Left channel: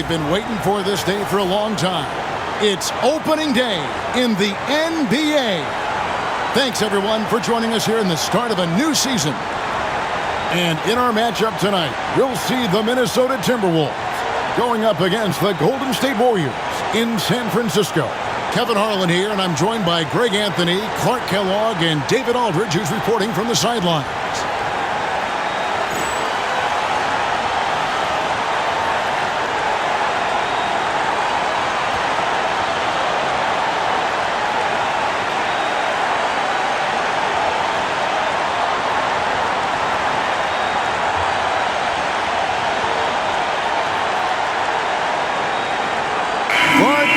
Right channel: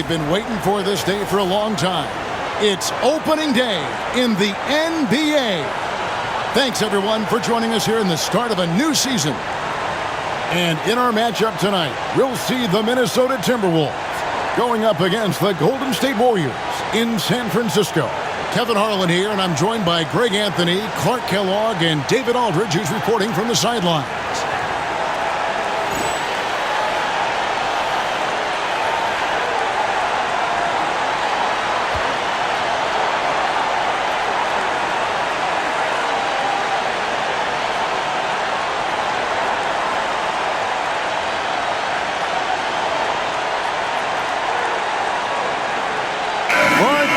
we've been waiting for this day for a long time. It's opening day in the NBA. Thanks, everyone, for joining us here in the start of a new season. And in our matchup tonight, we'll see the Minnesota Timberwolves going up against the Golden State Warriors in San Francisco. Kevin Harlan here, and I'm joined by Greg Anthony, Clark Kellogg, and David Aldridge, who's reporting from the sidelines.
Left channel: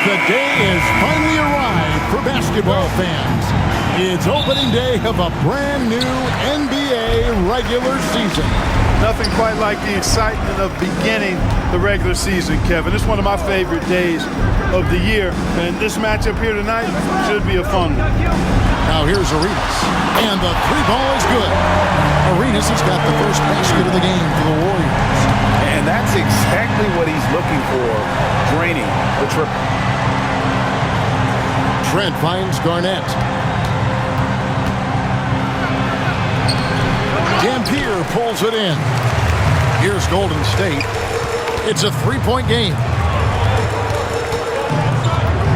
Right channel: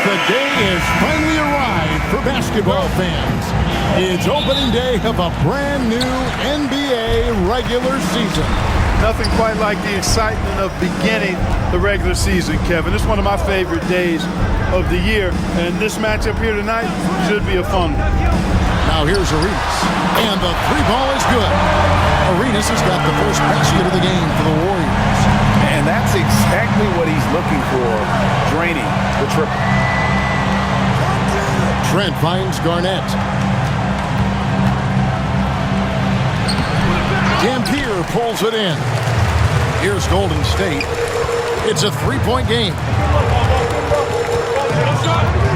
The day has finally arrived for basketball fans. It's opening day of a brand new NBA regular season. Nothing quite like the excitement of beginning the regular season, Kevin. It's one of my favorite days of the year, and this matchup here tonight should be a fun one. Now here's Arenas, and the three ball is good. Arenas has got the first basket of the game for the Warriors. And that's exactly what he's looking for, draining the triple. Trent finds Garnett. Dampier pulls it in. Here's Golden State. It's a three-point game.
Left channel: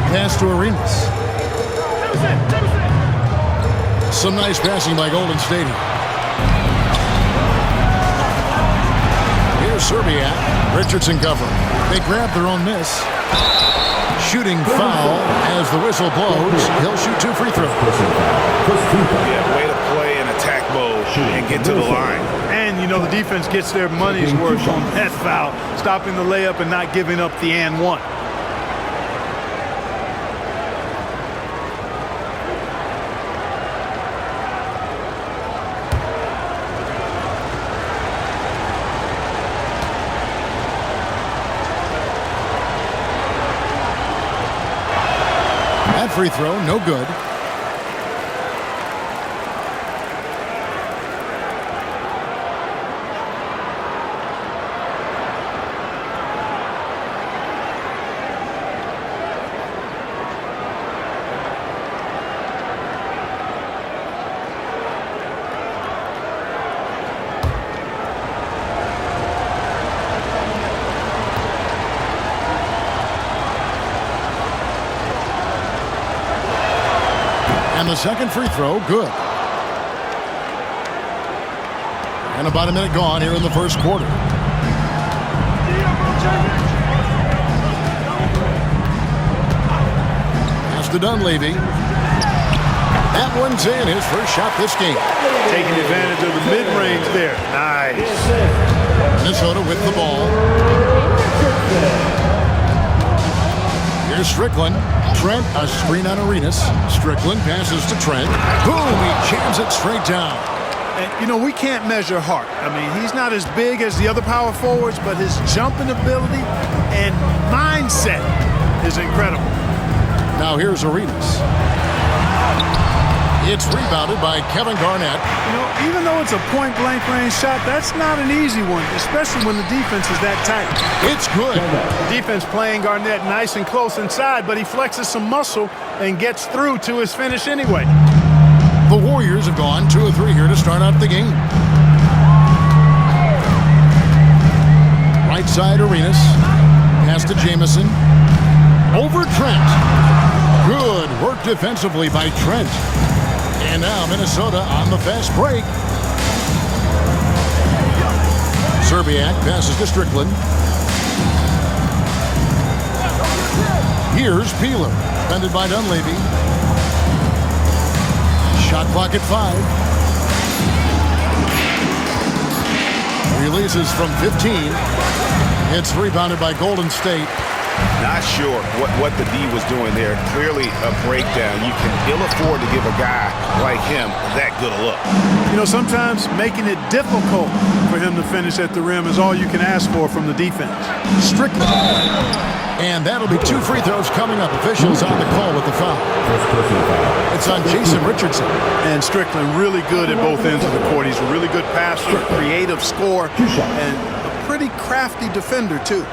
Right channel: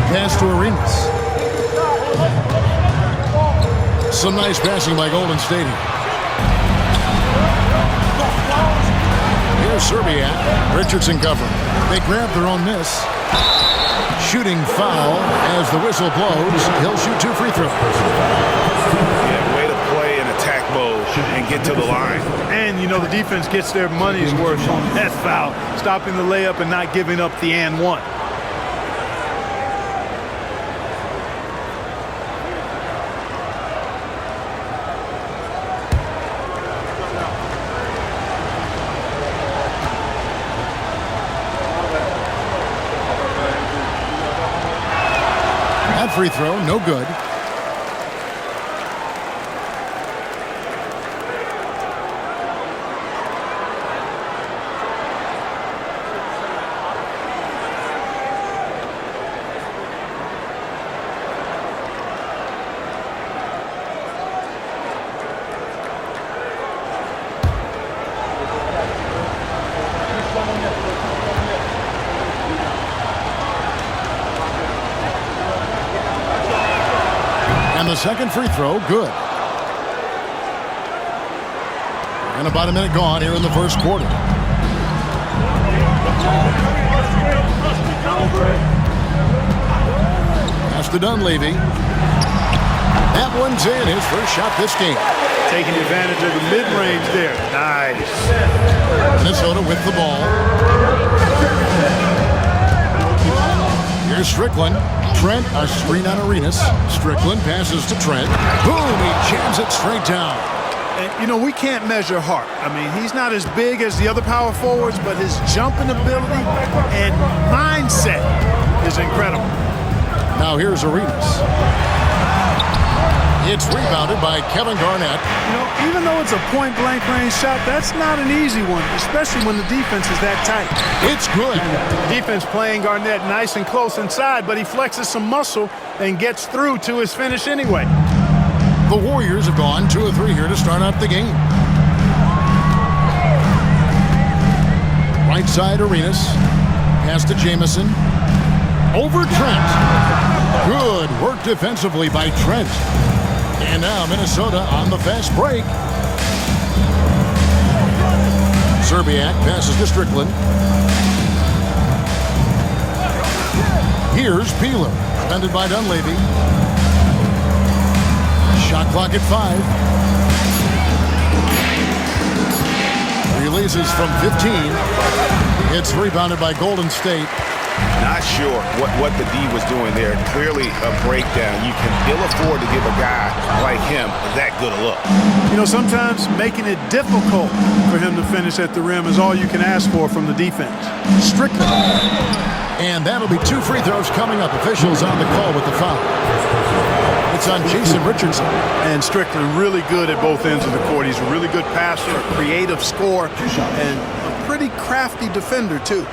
Pass to Arenas. Some nice passing by Golden State. Here's Serbiak. Richardson covering. They grab their own miss. Shooting foul as the whistle blows. He'll shoot two free throws. Yeah, way to play in attack mode and get to the line. And, you know, the defense gets their money's worth on that foul, stopping the layup and not giving up the and one. That free throw, no good. And the second free throw, good. And about a minute gone here in the first quarter. Pass to Dunleavy. That one's in, his first shot this game. Taking advantage of the mid-range there. Nice. Minnesota with the ball. Here's Strickland. Trent, a screen on Arenas. Strickland passes to Trent. Boom, he jams it straight down. And, you know, we can't measure Hart. I mean, he's not as big as the other power forwards, but his jumping ability and mindset is incredible. Now here's Arenas. It's rebounded by Kevin Garnett. You know, even though it's a point-blank range shot, that's not an easy one, especially when the defense is that tight. It's good. Defense playing Garnett nice and close inside, but he flexes some muscle and gets through to his finish anyway. The Warriors have gone 2 of 3 here to start out the game. Right side, Arenas. Pass to Jamison. Over Trent. Good work defensively by Trent. And now Minnesota on the fast break. Serbiak passes to Strickland. Here's Peeler. Defended by Dunleavy. Shot clock at 5. Releases from 15. It's rebounded by Golden State. Not sure what the D was doing there. Clearly a breakdown. You can ill afford to give a guy like him that good a look. You know, sometimes making it difficult for him to finish at the rim is all you can ask for from the defense. Strickland. And that'll be 2 free throws coming up. Officials on the call with the foul. It's on Jason Richardson. And Strickland really good at both ends of the court. He's a really good passer, a creative scorer, and a pretty crafty defender, too.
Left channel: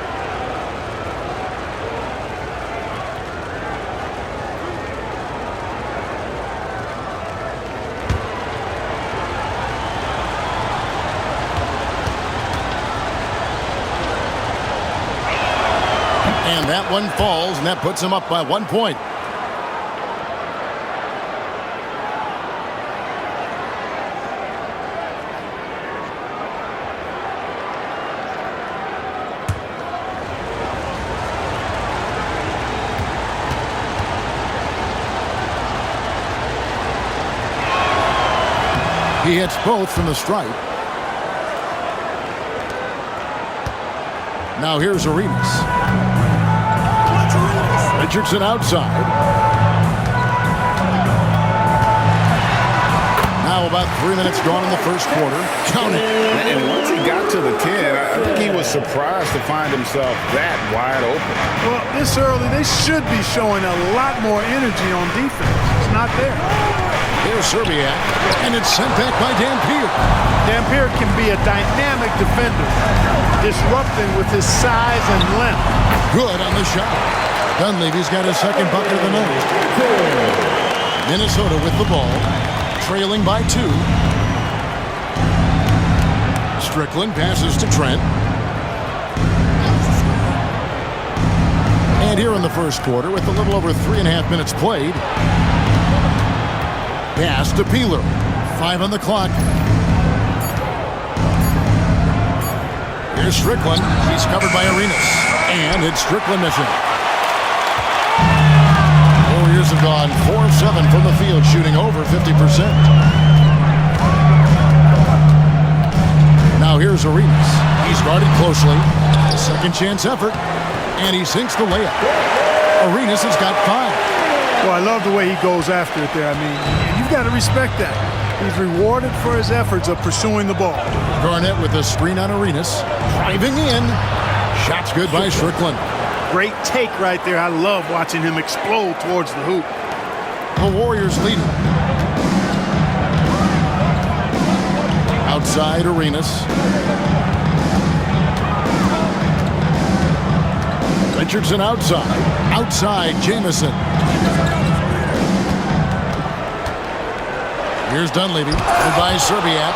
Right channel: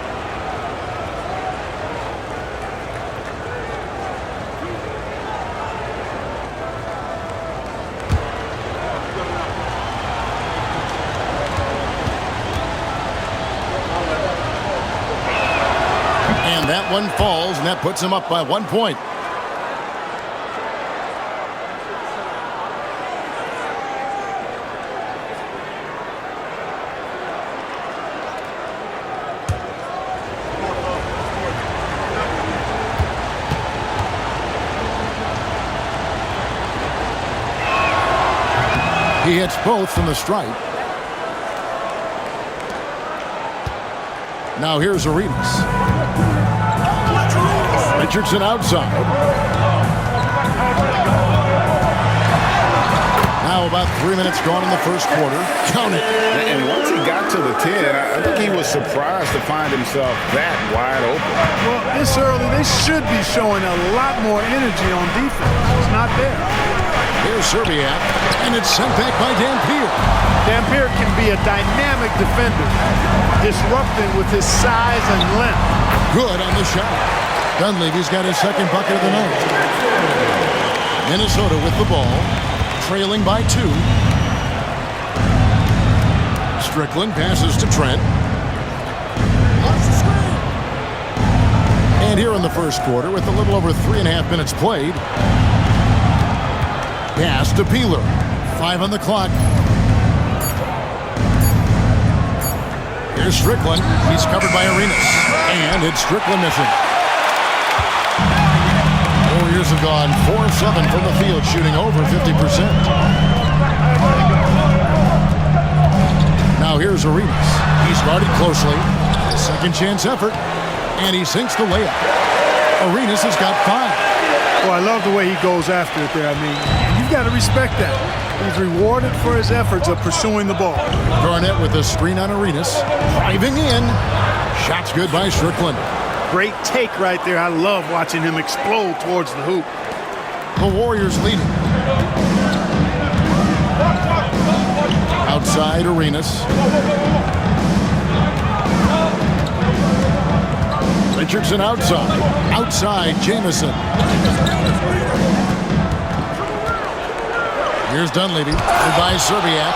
That one falls, and that puts him up by 1 point. He hits both from the stripe. Now here's Arenas. Richardson outside. Now about 3 minutes gone in the first quarter. Count it. And once he got to the 10, I think he was surprised to find himself that wide open. Well, this early, they should be showing a lot more energy on defense. It's not there. Here's Serbiak, and it's sent back by Dampier. Dampier can be a dynamic defender, disrupting with his size and length. Good on the shot. Dunleavy's got his second bucket of the night. Minnesota with the ball, trailing by 2. Strickland passes to Trent. And here in the first quarter, with a little over 3.5 minutes played, pass to Peeler. 5 on the clock. Here's Strickland. He's covered by Arenas. And it's Strickland missing. Warriors have gone 4 of 7 from the field, shooting over 50%. Now here's Arenas. He's guarded closely. A second chance effort. And he sinks the layup. Arenas has got 5. Well, I love the way he goes after it there. I mean, you've got to respect that. He's rewarded for his efforts of pursuing the ball. Garnett with a screen on Arenas. Driving in. Shot's good by Strickland. Great take right there. I love watching him explode towards the hoop. The Warriors lead it. Outside Arenas. Richardson outside. Outside Jamison. Here's Dunleavy. By Serbiak.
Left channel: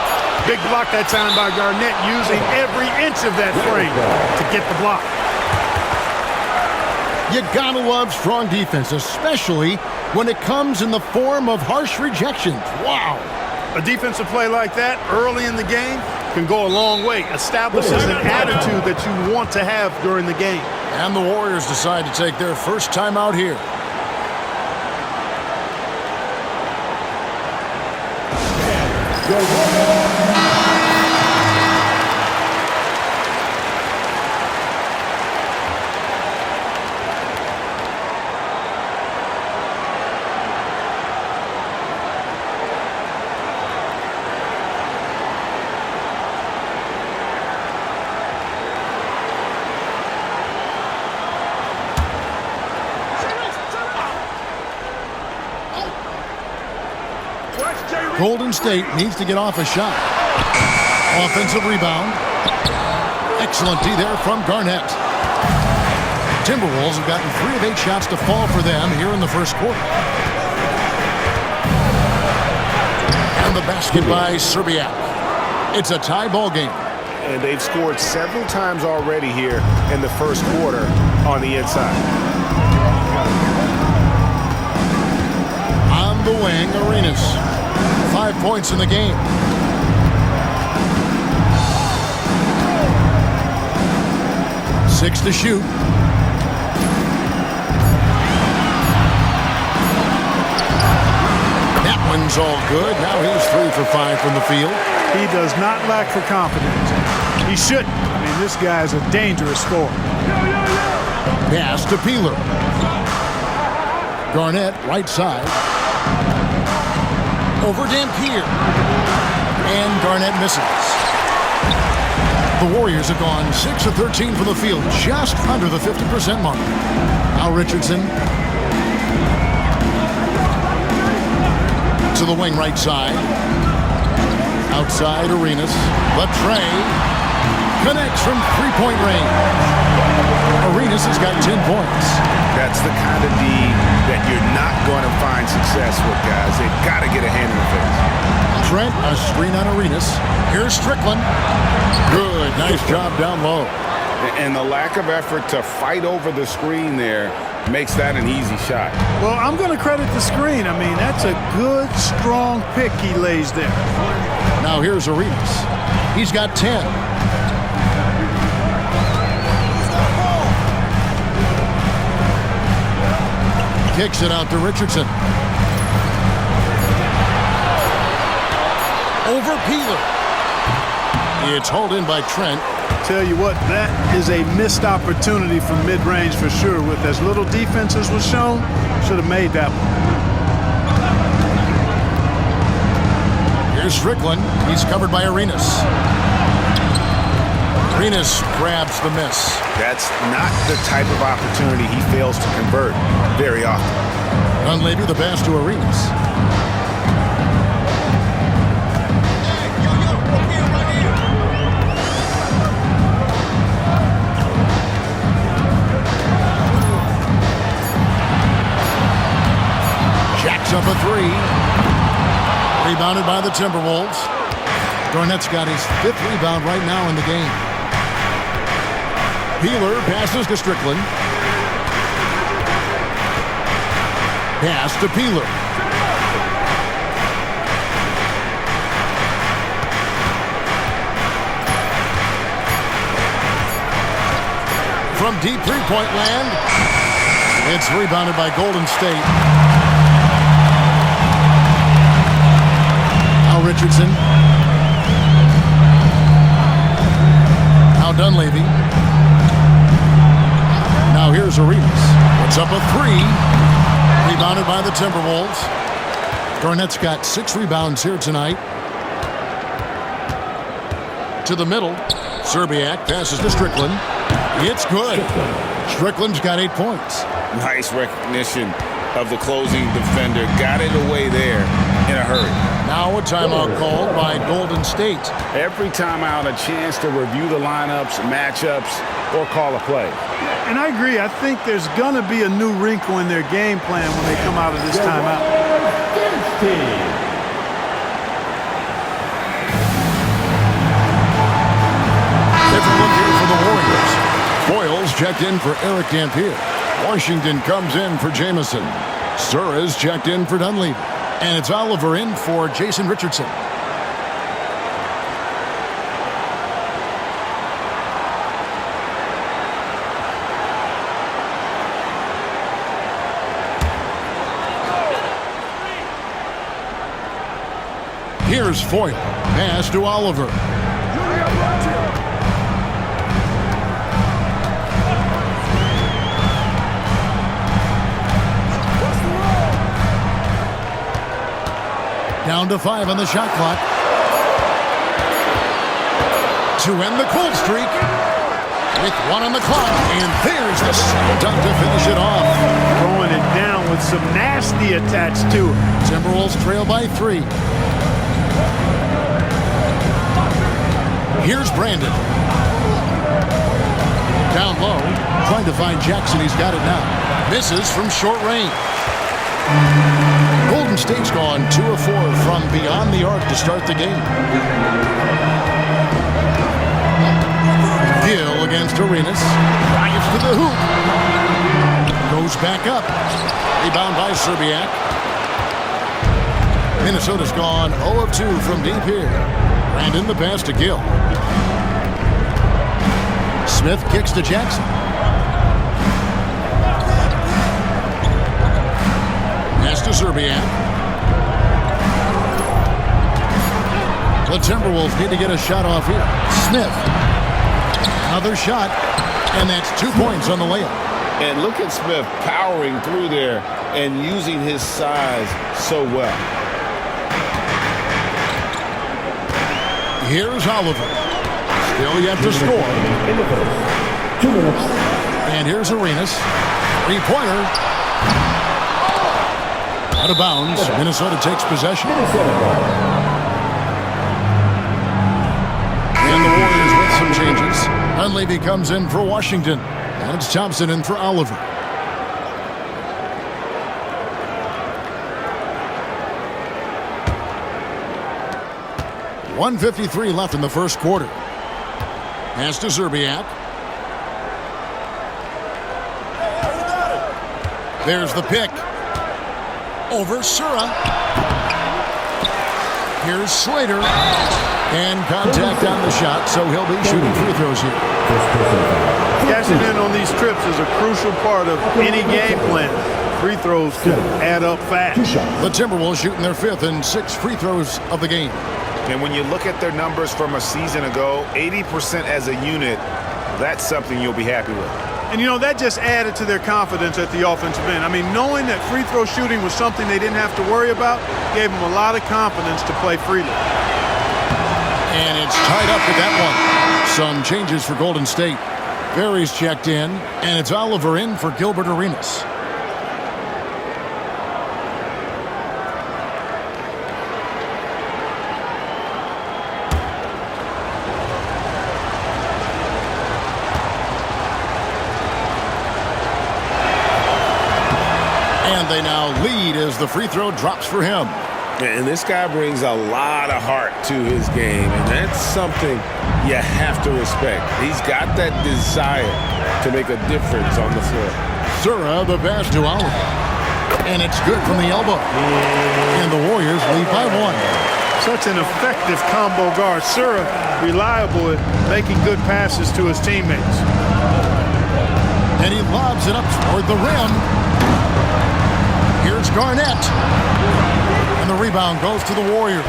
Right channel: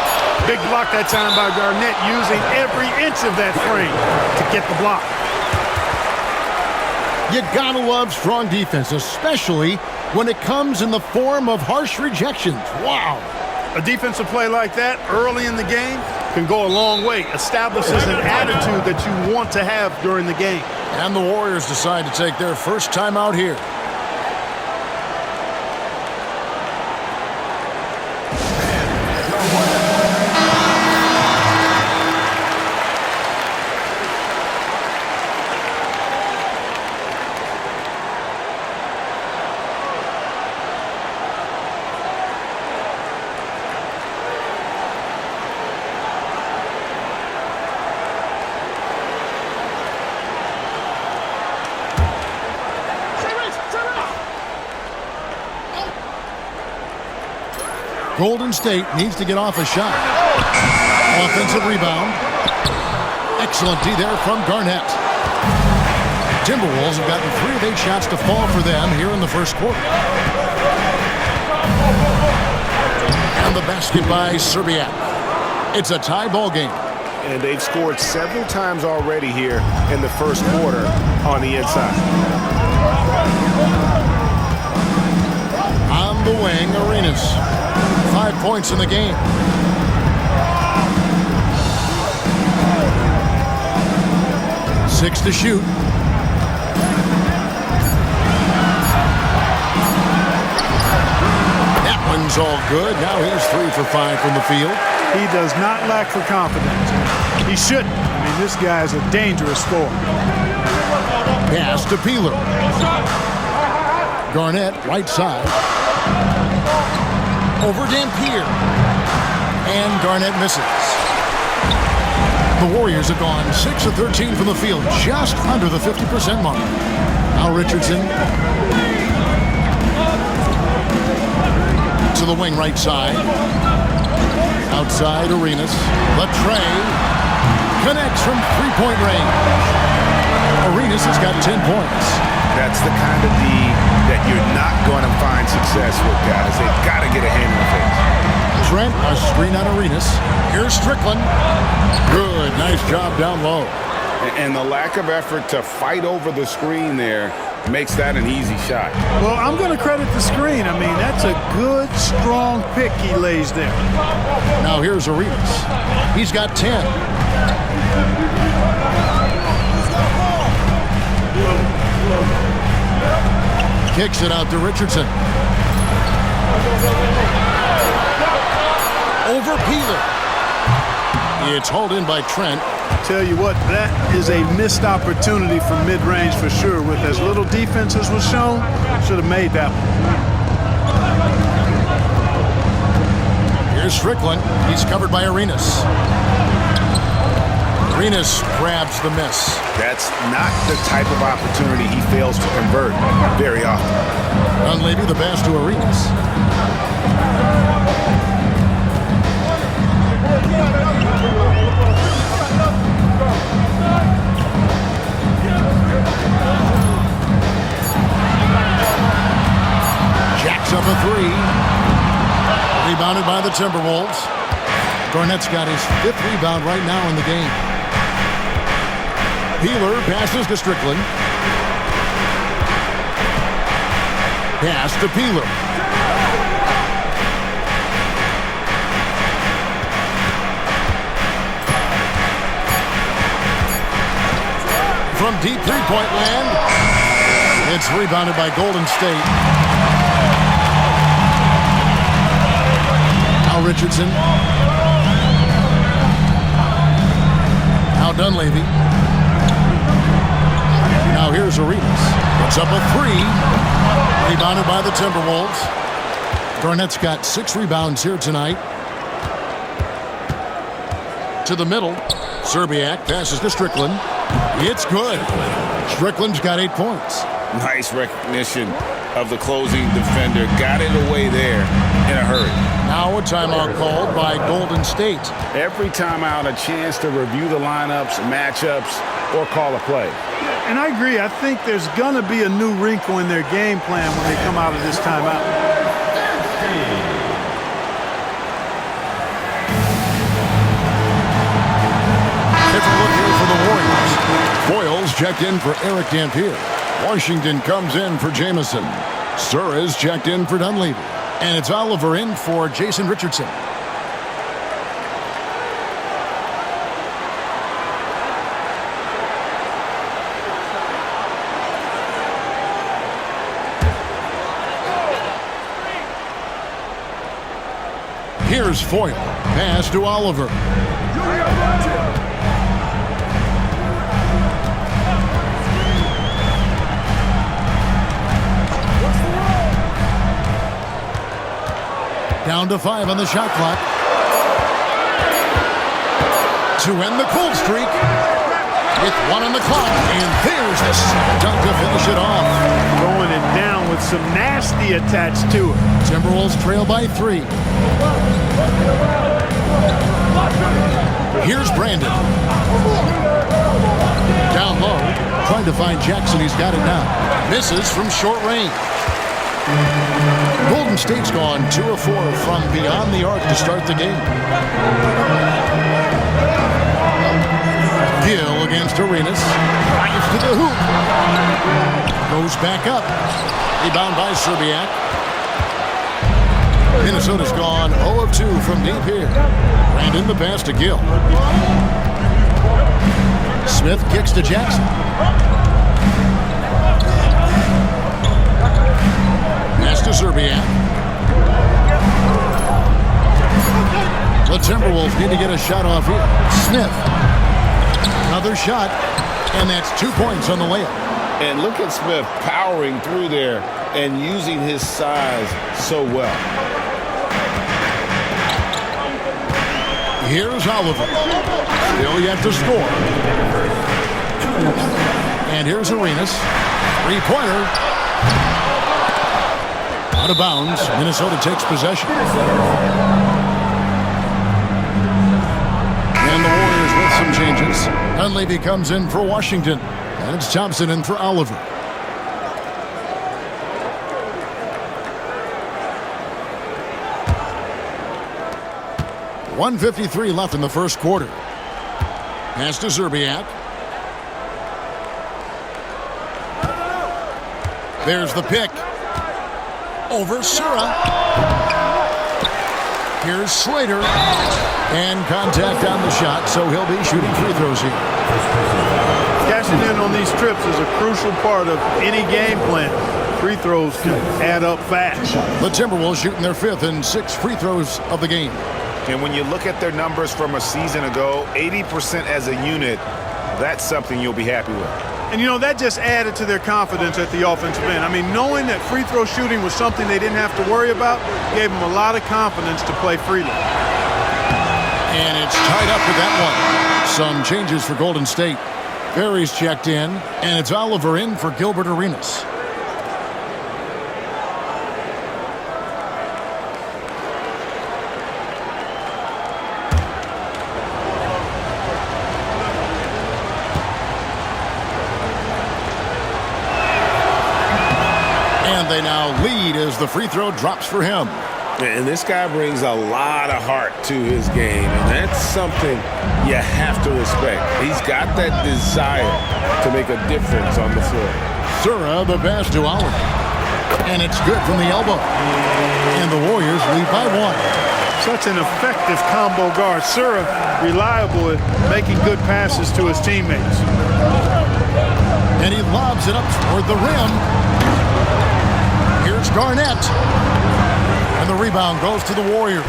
Big block that time by Garnett, using every inch of that frame to get the block. You gotta love strong defense, especially when it comes in the form of harsh rejections. Wow. A defensive play like that early in the game can go a long way. Establishes an attitude that you want to have during the game. And the Warriors decide to take their first time out here. Golden State needs to get off a shot. Offensive rebound. Excellent D there from Garnett. Timberwolves have gotten 3 of 8 shots to fall for them here in the first quarter. And the basket by Serbiak. It's a tie ball game. And they've scored several times already here in the first quarter on the inside. On the wing, Arenas. 5 points in the game. Six to shoot. That one's all good. Now he's 3 for 5 from the field. He does not lack for confidence. He shouldn't. I mean, this guy is a dangerous scorer. Pass to Peeler. Garnett, right side. Over Dampier. And Garnett misses. The Warriors have gone 6 of 13 from the field, just under the 50% mark. Now Richardson. To the wing right side. Outside Arenas. Latrey connects from three-point range. Arenas has got 10 points. That's the kind of D that you're not going to find success with, guys. They've got to get a hand in the face. Trent, a screen on Arenas. Here's Strickland. Good, nice job down low. And the lack of effort to fight over the screen there makes that an easy shot. Well, I'm going to credit the screen. I mean, that's a good, strong pick he lays there. Now here's Arenas. He's got 10. Kicks it out to Richardson. Over Peeler. It's hauled in by Trent. Tell you what, that is a missed opportunity from mid-range for sure. With as little defense as was shown, should have made that one. Here's Strickland. He's covered by Arenas. Arenas grabs the miss. That's not the type of opportunity he fails to convert very often. Dunleavy the pass to Arenas. Jacks up a three. Rebounded by the Timberwolves. Garnett's got his 5th rebound right now in the game. Peeler passes to Strickland. Pass to Peeler. From deep three-point land, it's rebounded by Golden State. Now Richardson. Now Dunleavy. Now here's Arenas. Puts up a three. Rebounded by the Timberwolves. Garnett's got 6 rebounds here tonight. To the middle. Serbiak passes to Strickland. It's good. Strickland's got 8 points. Nice recognition of the closing defender. Got it away there in a hurry. Now a timeout called by Golden State. Every timeout, a chance to review the lineups, matchups, or call a play. And I agree. I think there's going to be a new wrinkle in their game plan when they come out of this timeout. Different look here for the Warriors. Foyles checked in for Eric Dampier. Washington comes in for Jamison. Suarez checked in for Dunleavy. And it's Oliver in for Jason Richardson. Here's Foyle. Pass to Oliver. Down to 5 on the shot clock. To end the cold streak. With 1 on the clock. And there's the slam dunk to finish it off. Throwing it down with some nasty attached to it. Timberwolves trail by 3. Here's Brandon. Down low. Trying to find Jackson. He's got it now. Misses from short range. Golden State's gone 2 of 4 from beyond the arc to start the game. Gill against Arenas. Drives to the hoop. Goes back up. Rebound by Serbiak. Minnesota's gone 0 of 2 from deep here. Brandon the pass to Gill. Smith kicks to Jackson. Pass to Serbiak. The Timberwolves need to get a shot off here. Smith. Another shot, and that's 2 points on the layup. And look at Smith powering through there and using his size so well. Here's Oliver. Still yet to score. And here's Arenas. 3-pointer. Out of bounds. Minnesota takes possession. And the Warriors with some changes. Dunleavy comes in for Washington. And it's Thompson in for Oliver. .153 left in the first quarter. Pass to Serbiak. There's the pick. Over Sura. Here's Slater. And contact on the shot, so he'll be shooting free throws here. Cashing in on these trips is a crucial part of any game plan. Free throws can add up fast. The Timberwolves shooting their 5th and 6th free throws of the game. And when you look at their numbers from a season ago, 80% as a unit, that's something you'll be happy with. And, you know, that just added to their confidence at the offensive end. I mean, knowing that free throw shooting was something they didn't have to worry about gave them a lot of confidence to play freely. And it's tied up with that one. Some changes for Golden State. Barry's checked in, and it's Oliver in for Gilbert Arenas. And they now lead as the free throw drops for him. And this guy brings a lot of heart to his game, and that's something you have to respect. He's got that desire to make a difference on the floor. Sura, the pass to Oliver. And it's good from the elbow. And the Warriors lead by 1. Such an effective combo guard. Sura, reliable at making good passes to his teammates. And he lobs it up toward the rim. Here's Garnett. And the rebound goes to the Warriors.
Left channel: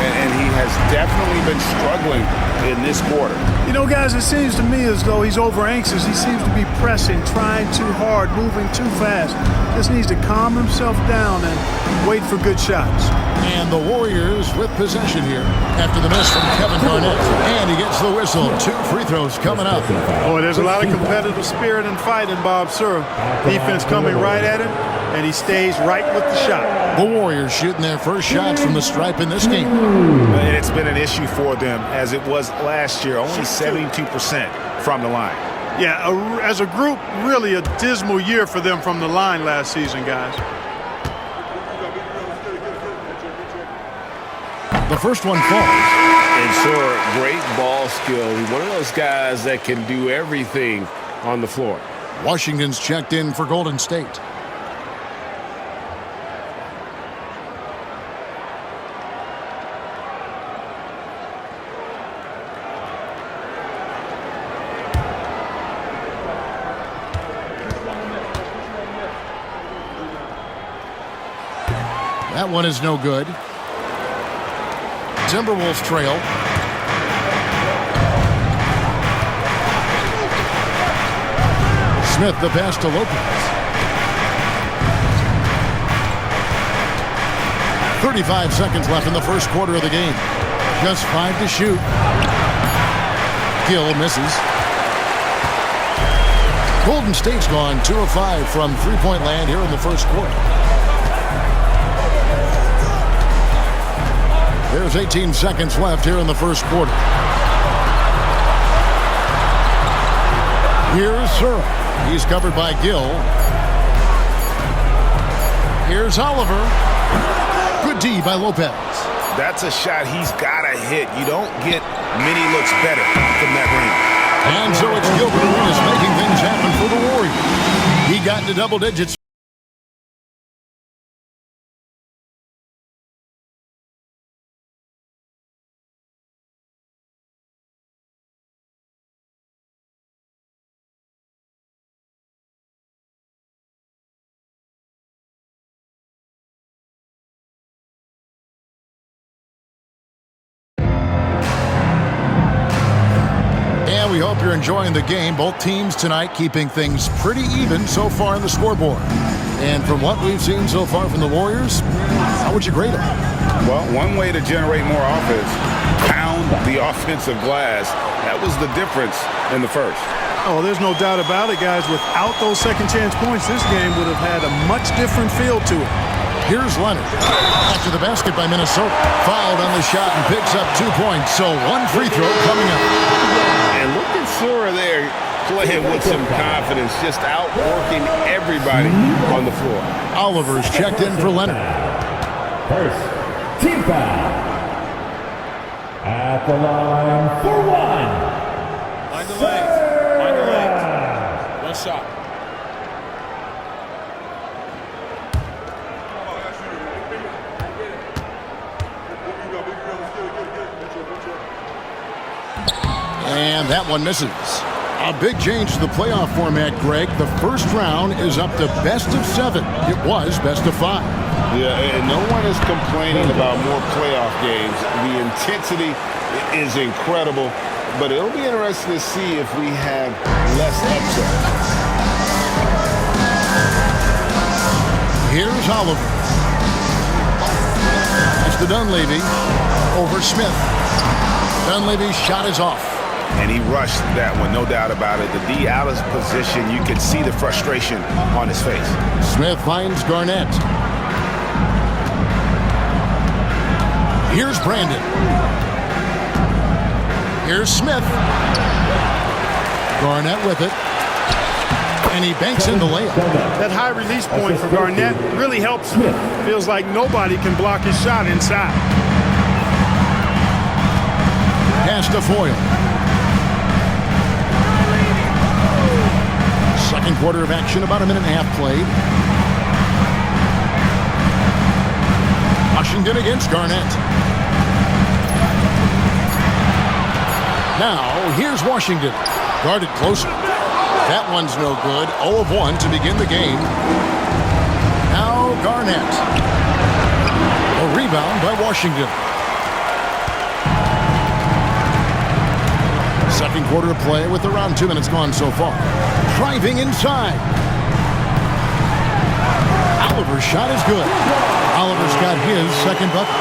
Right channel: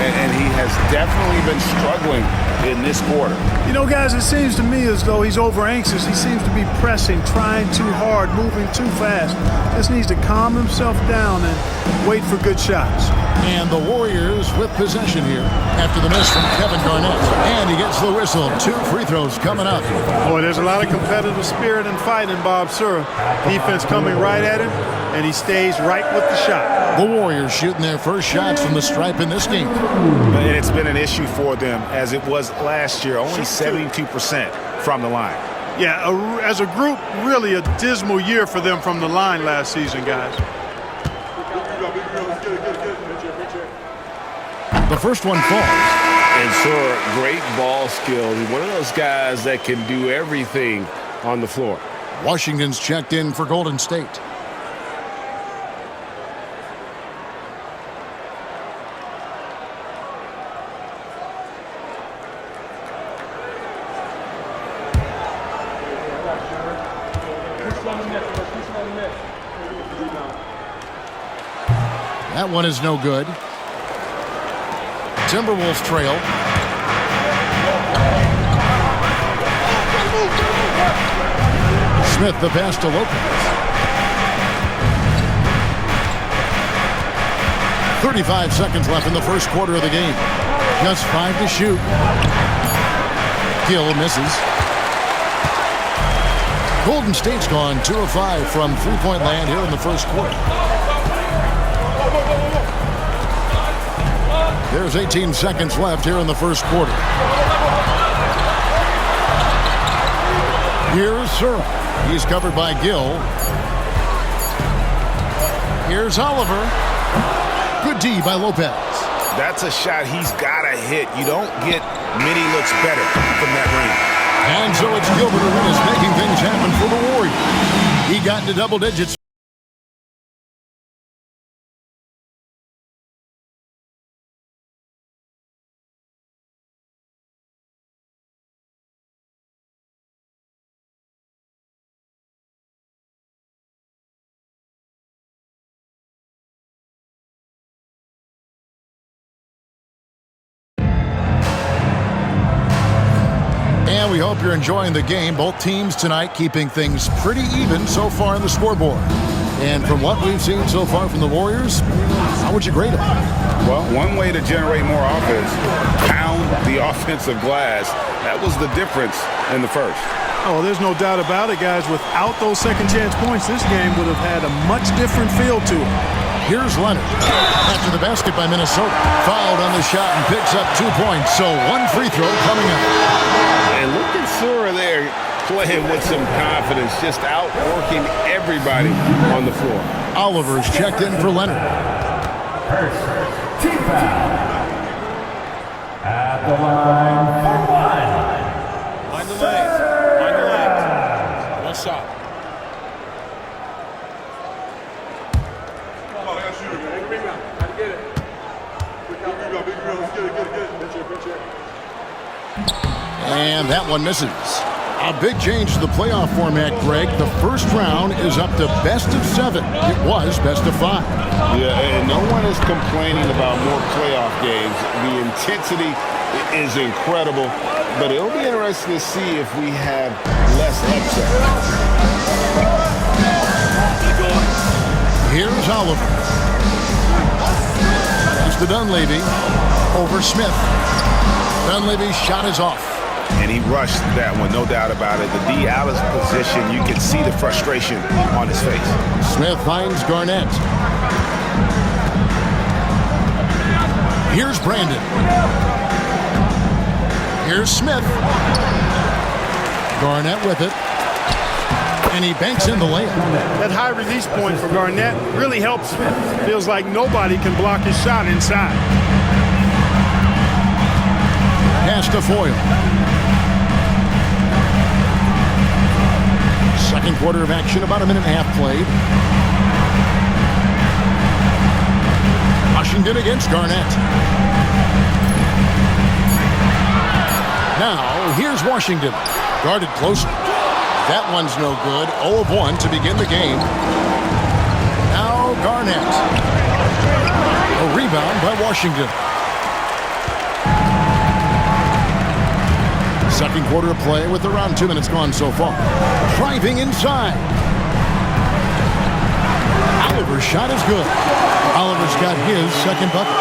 And he has definitely been struggling in this quarter. You know, guys, it seems to me as though he's over anxious. He seems to be pressing, trying too hard, moving too fast. Just needs to calm himself down and wait for good shots. And the Warriors with possession here after the miss from Kevin Garnett. And he gets the whistle. 2 free throws coming up. Boy, there's a lot of competitive spirit and fight in Bob Sura. Defense coming right at him, and he stays right with the shot. The Warriors shooting their first shots from the stripe in this game. And it's been an issue for them as it was last year, only 72% from the line. Yeah, as a group, really a dismal year for them from the line last season, guys. The first one falls. And Sura, great ball skill. He's one of those guys that can do everything on the floor. Washington's checked in for Golden State. That one is no good. Timberwolves trail. Smith the pass to Lopez. 35 seconds left in the first quarter of the game. Just 5 to shoot. Gill misses. Golden State's gone 2 of 5 from three-point land here in the first quarter. There's 18 seconds left here in the first quarter. Here's Sura. He's covered by Gill. Here's Oliver. Good D by Lopez. That's a shot he's got to hit. You don't get many looks better from that range. And so it's Gilbert Arenas making things happen for the Warriors. He got into double digits. And we hope you're enjoying the game. Both teams tonight keeping things pretty even so far in the scoreboard. And from what we've seen so far from the Warriors, how would you grade them? Well, one way to generate more offense, pound the offensive glass. That was the difference in the first. Oh, there's no doubt about it, guys. Without those second chance points, this game would have had a much different feel to it. Here's Leonard. After the basket by Minnesota. Fouled on the shot and picks up 2 points. So 1 free throw coming up. And look at Sura there playing with some confidence, just outworking everybody on the floor. Oliver's checked in for Leonard. First, team foul. At the line for 1. Line the lanes. Line the lanes. 1 shot. And that one misses. A big change to the playoff format, Greg. The first round is up to best of 7. It was best of 5. Yeah, and no one is complaining about more playoff games. The intensity is incredible, but it'll be interesting to see if we have less upset. Here's Oliver. That's to Dunleavy. Over Smith. Dunleavy's shot is off. And he rushed that one, no doubt about it. The D out of position, you could see the frustration on his face. Smith finds Garnett. Here's Brandon. Here's Smith. Garnett with it. And he banks in the layup. That high release point for Garnett really helps Smith. Feels like nobody can block his shot inside. Pass to Foyle. Second quarter of action, about a minute and a half played. Washington against Garnett. Now, here's Washington. Guarded closer. That one's no good. 0 of 1 to begin the game. Now, Garnett. A rebound by Washington. Second quarter of play with around 2 minutes gone so far. Driving inside. Oliver's shot is good. Oliver's got his second bucket.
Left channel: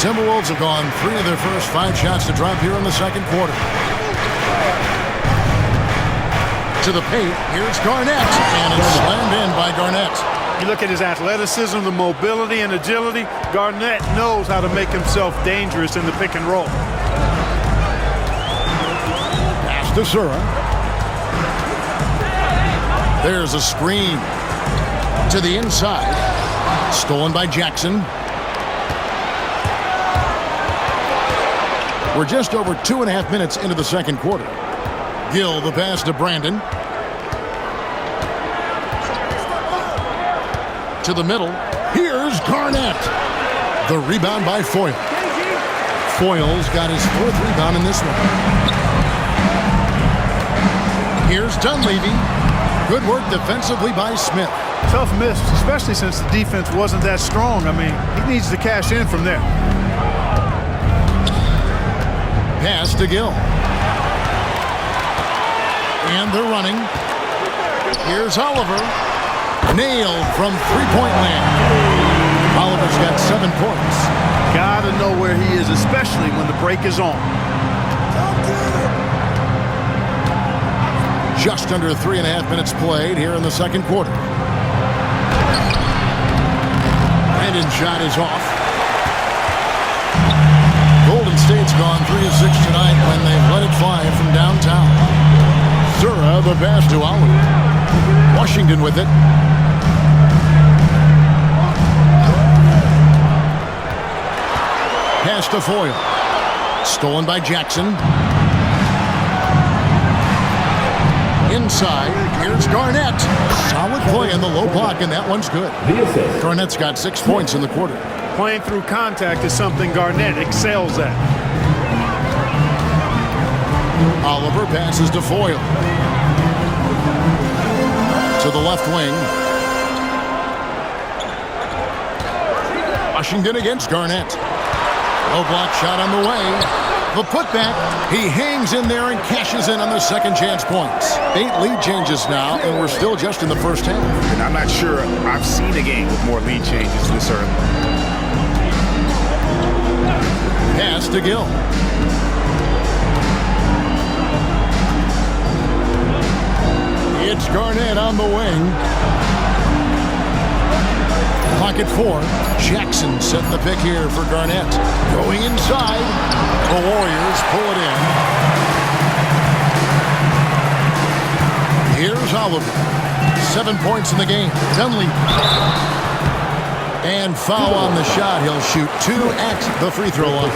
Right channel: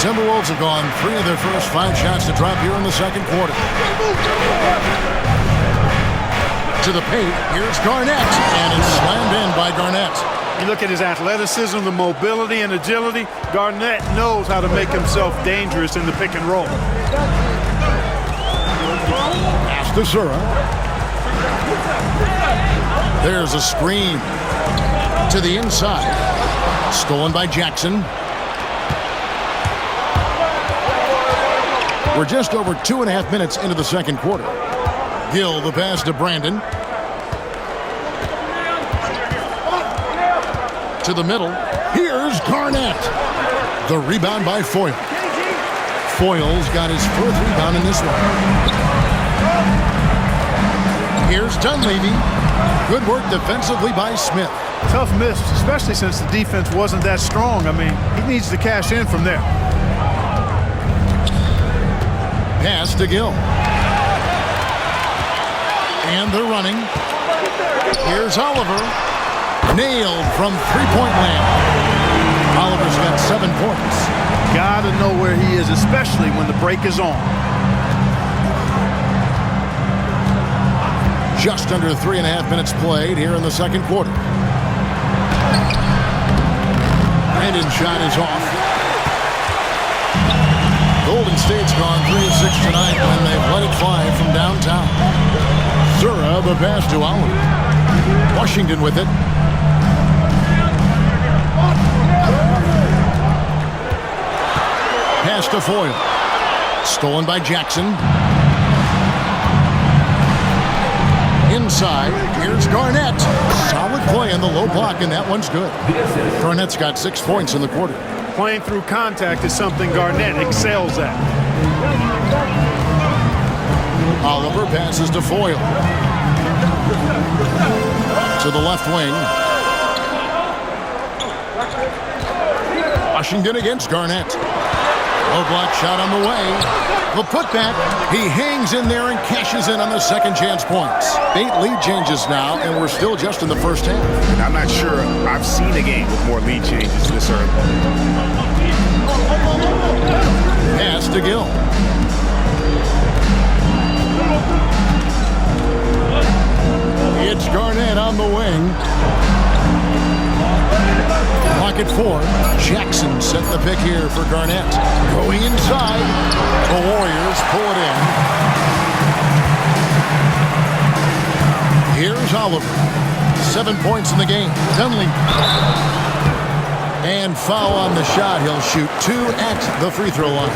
Timberwolves have gone 3 of their first 5 shots to drop here in the second quarter. To the paint, here's Garnett, and it's slammed in by Garnett. You look at his athleticism, the mobility, and agility. Garnett knows how to make himself dangerous in the pick and roll. Pass to Zura. There's a screen to the inside. Stolen by Jackson. We're just over 2.5 minutes into the second quarter. Gill, the pass to Brandon. To the middle. Here's Garnett. The rebound by Foyle. Foyle's got his 4th rebound in this one. Here's Dunleavy. Good work defensively by Smith. Tough miss, especially since the defense wasn't that strong. I mean, he needs to cash in from there. Pass to Gill. And they're running. Here's Oliver. Nailed from three-point land. Oliver's got 7 points. Gotta know where he is, especially when the break is on. Just under 3.5 minutes played here in the second quarter. Brandon's shot is off. Golden State's gone 3 of 6 tonight when they've let it fly from downtown. Zura, the pass to Oliver. Washington with it. Pass to Foyle. Stolen by Jackson. Inside, here's Garnett. Solid play in the low block, and that one's good. Garnett's got 6 points in the quarter. Playing through contact is something Garnett excels at. Oliver passes to Foyle. To the left wing. Washington against Garnett. Low block shot on the way. The putback. He hangs in there and cashes in on the second chance points. 8 lead changes now, and we're still just in the first half. And I'm not sure I've seen a game with more lead changes this early. Pass to Gill. It's Garnett on the wing. Pocket 4. Jackson setting the pick here for Garnett. Going inside. The Warriors pull it in. Here's Oliver. 7 points in the game. Dunleavy. And foul on the shot. He'll shoot 2 at the free throw line.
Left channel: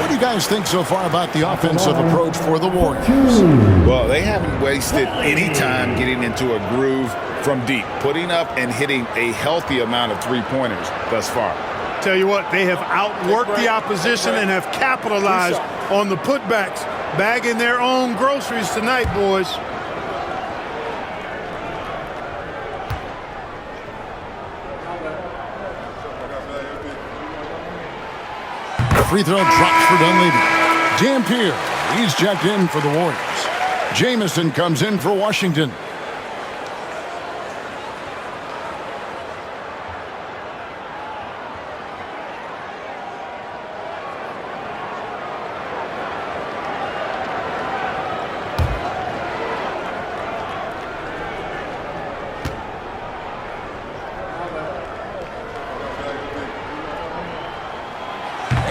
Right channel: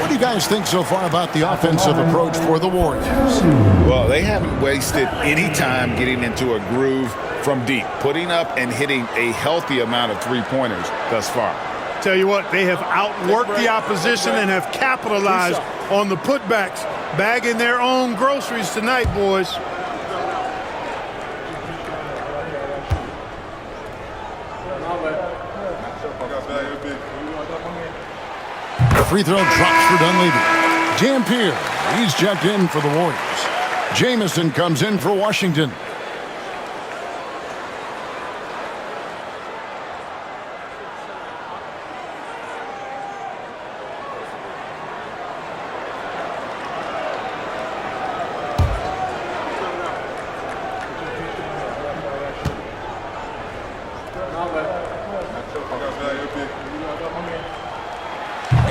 What do you guys think so far about the offensive approach for the Warriors? Well, they haven't wasted any time getting into a groove from deep, putting up and hitting a healthy amount of three-pointers thus far. Tell you what, they have outworked the opposition and have capitalized on the putbacks, bagging their own groceries tonight, boys. Free throw drops for Dunleavy. Dampier, he's checked in for the Warriors. Jamison comes in for Washington.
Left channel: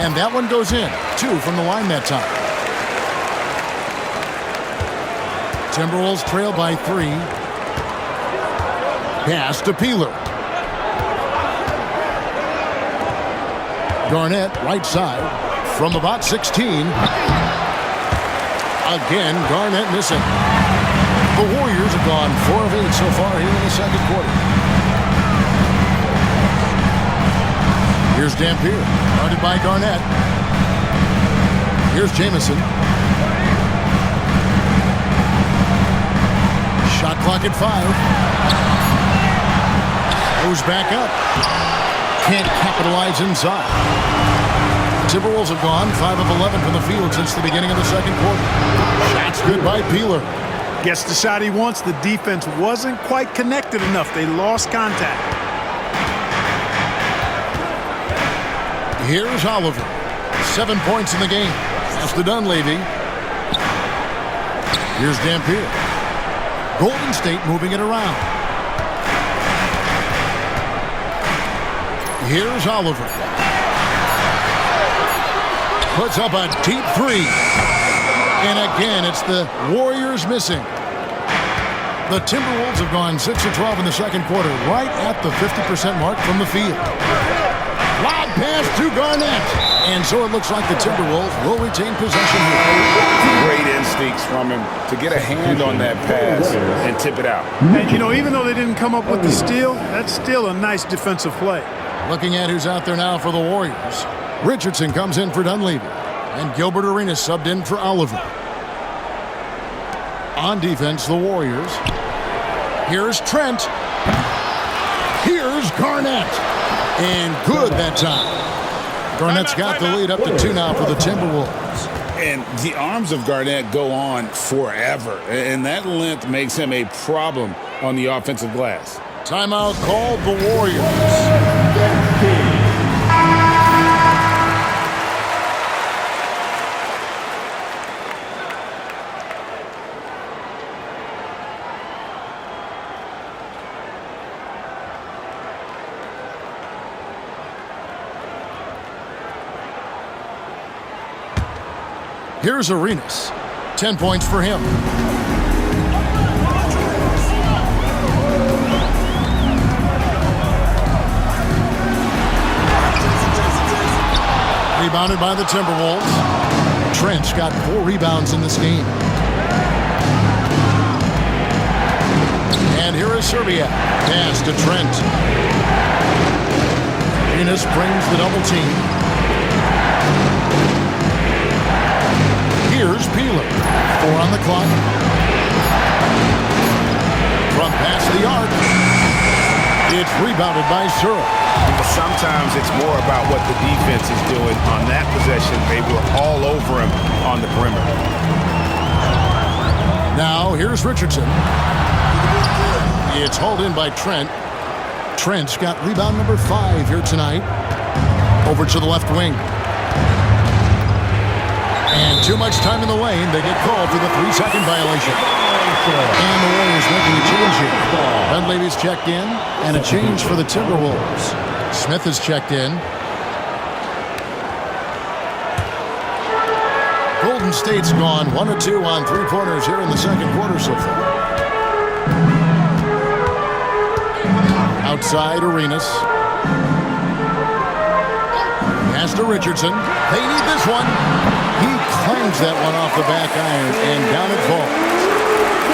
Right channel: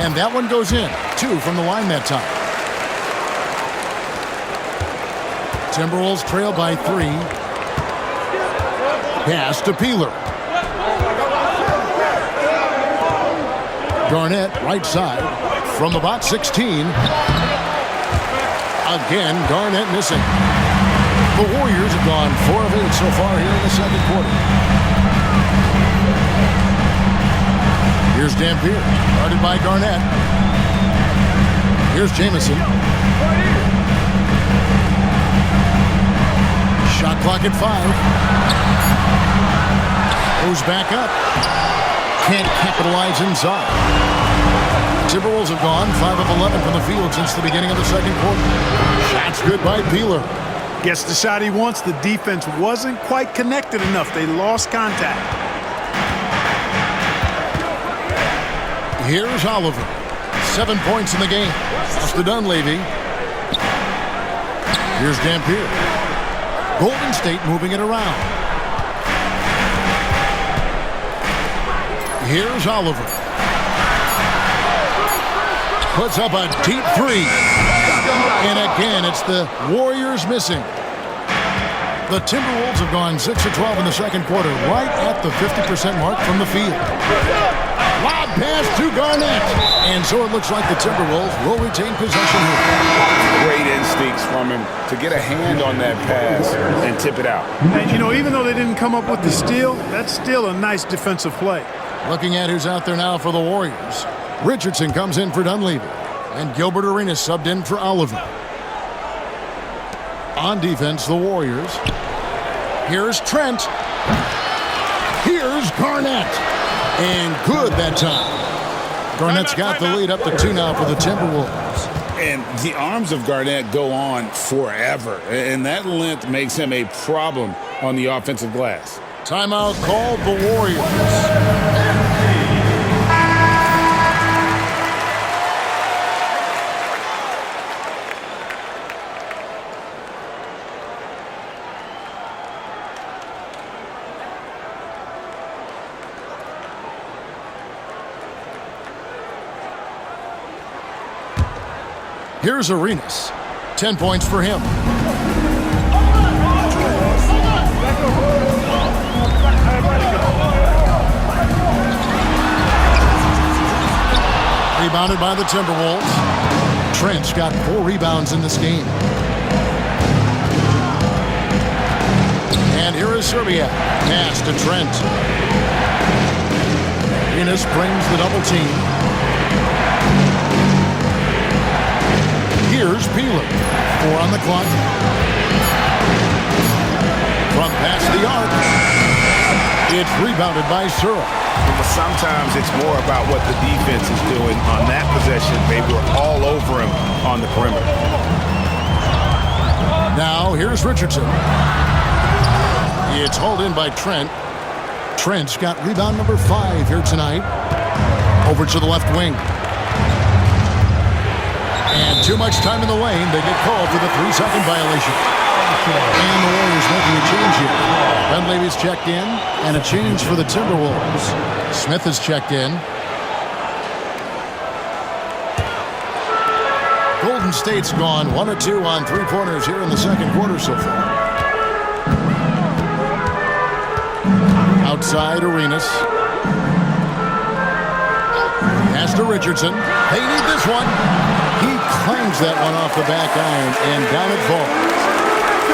And that one goes in. 2 from the line that time. Timberwolves trail by 3. Pass to Peeler. Garnett, right side, from about 16. Again, Garnett missing. The Warriors have gone 4 of 8 so far here in the second quarter. Here's Dampier, guarded by Garnett. Here's Jamison. Shot clock at 5. Goes back up. Can't capitalize inside. Timberwolves have gone 5 of 11 from the field since the beginning of the second quarter. Shots good by Peeler. Gets the shot he wants. The defense wasn't quite connected enough. They lost contact. Here's Oliver. 7 points in the game. Pass to Dunleavy. Here's Dampier. Golden State moving it around. Here's Oliver. Puts up a deep 3. And again, it's the Warriors missing. The Timberwolves have gone 6 of 12 in the second quarter, right at the 50% mark from the field. Lob pass to Garnett. And so it looks like the Timberwolves will retain possession here. Great instincts from him to get a hand on that pass and tip it out. And, even though they didn't come up with the steal, that's still a nice defensive play. Looking at who's out there now for the Warriors. Richardson comes in for Dunleavy. And Gilbert Arenas subbed in for Oliver. On defense, the Warriors. Here's Trent. Here's Garnett. And good that time. Garnett's got the lead up to 2 now for the Timberwolves. And the arms of Garnett go on forever. And that length makes him a problem on the offensive glass. Timeout called the Warriors. Here's Arenas. 10 points for him. Rebounded by the Timberwolves. Trent's got 4 rebounds in this game. And here is Serbia. Pass to Trent. Arenas brings the double team. Here's Peeler. 4 on the clock. From past the arc. It's rebounded by Searle. But sometimes it's more about what the defense is doing on that possession. They were all over him on the perimeter. Now here's Richardson. It's hauled in by Trent. Trent's got rebound number 5 here tonight. Over to the left wing. And too much time in the lane. They get called for the 3-second violation. And the Warriors making a change here. Dunleavy's checked in, and a change for the Timberwolves. Smith is checked in. Golden State's gone 1 of 2 on 3-pointers here in the second quarter so far. Outside Arenas. Pass to Richardson. They need this one. He clangs that one off the back iron, and down it falls.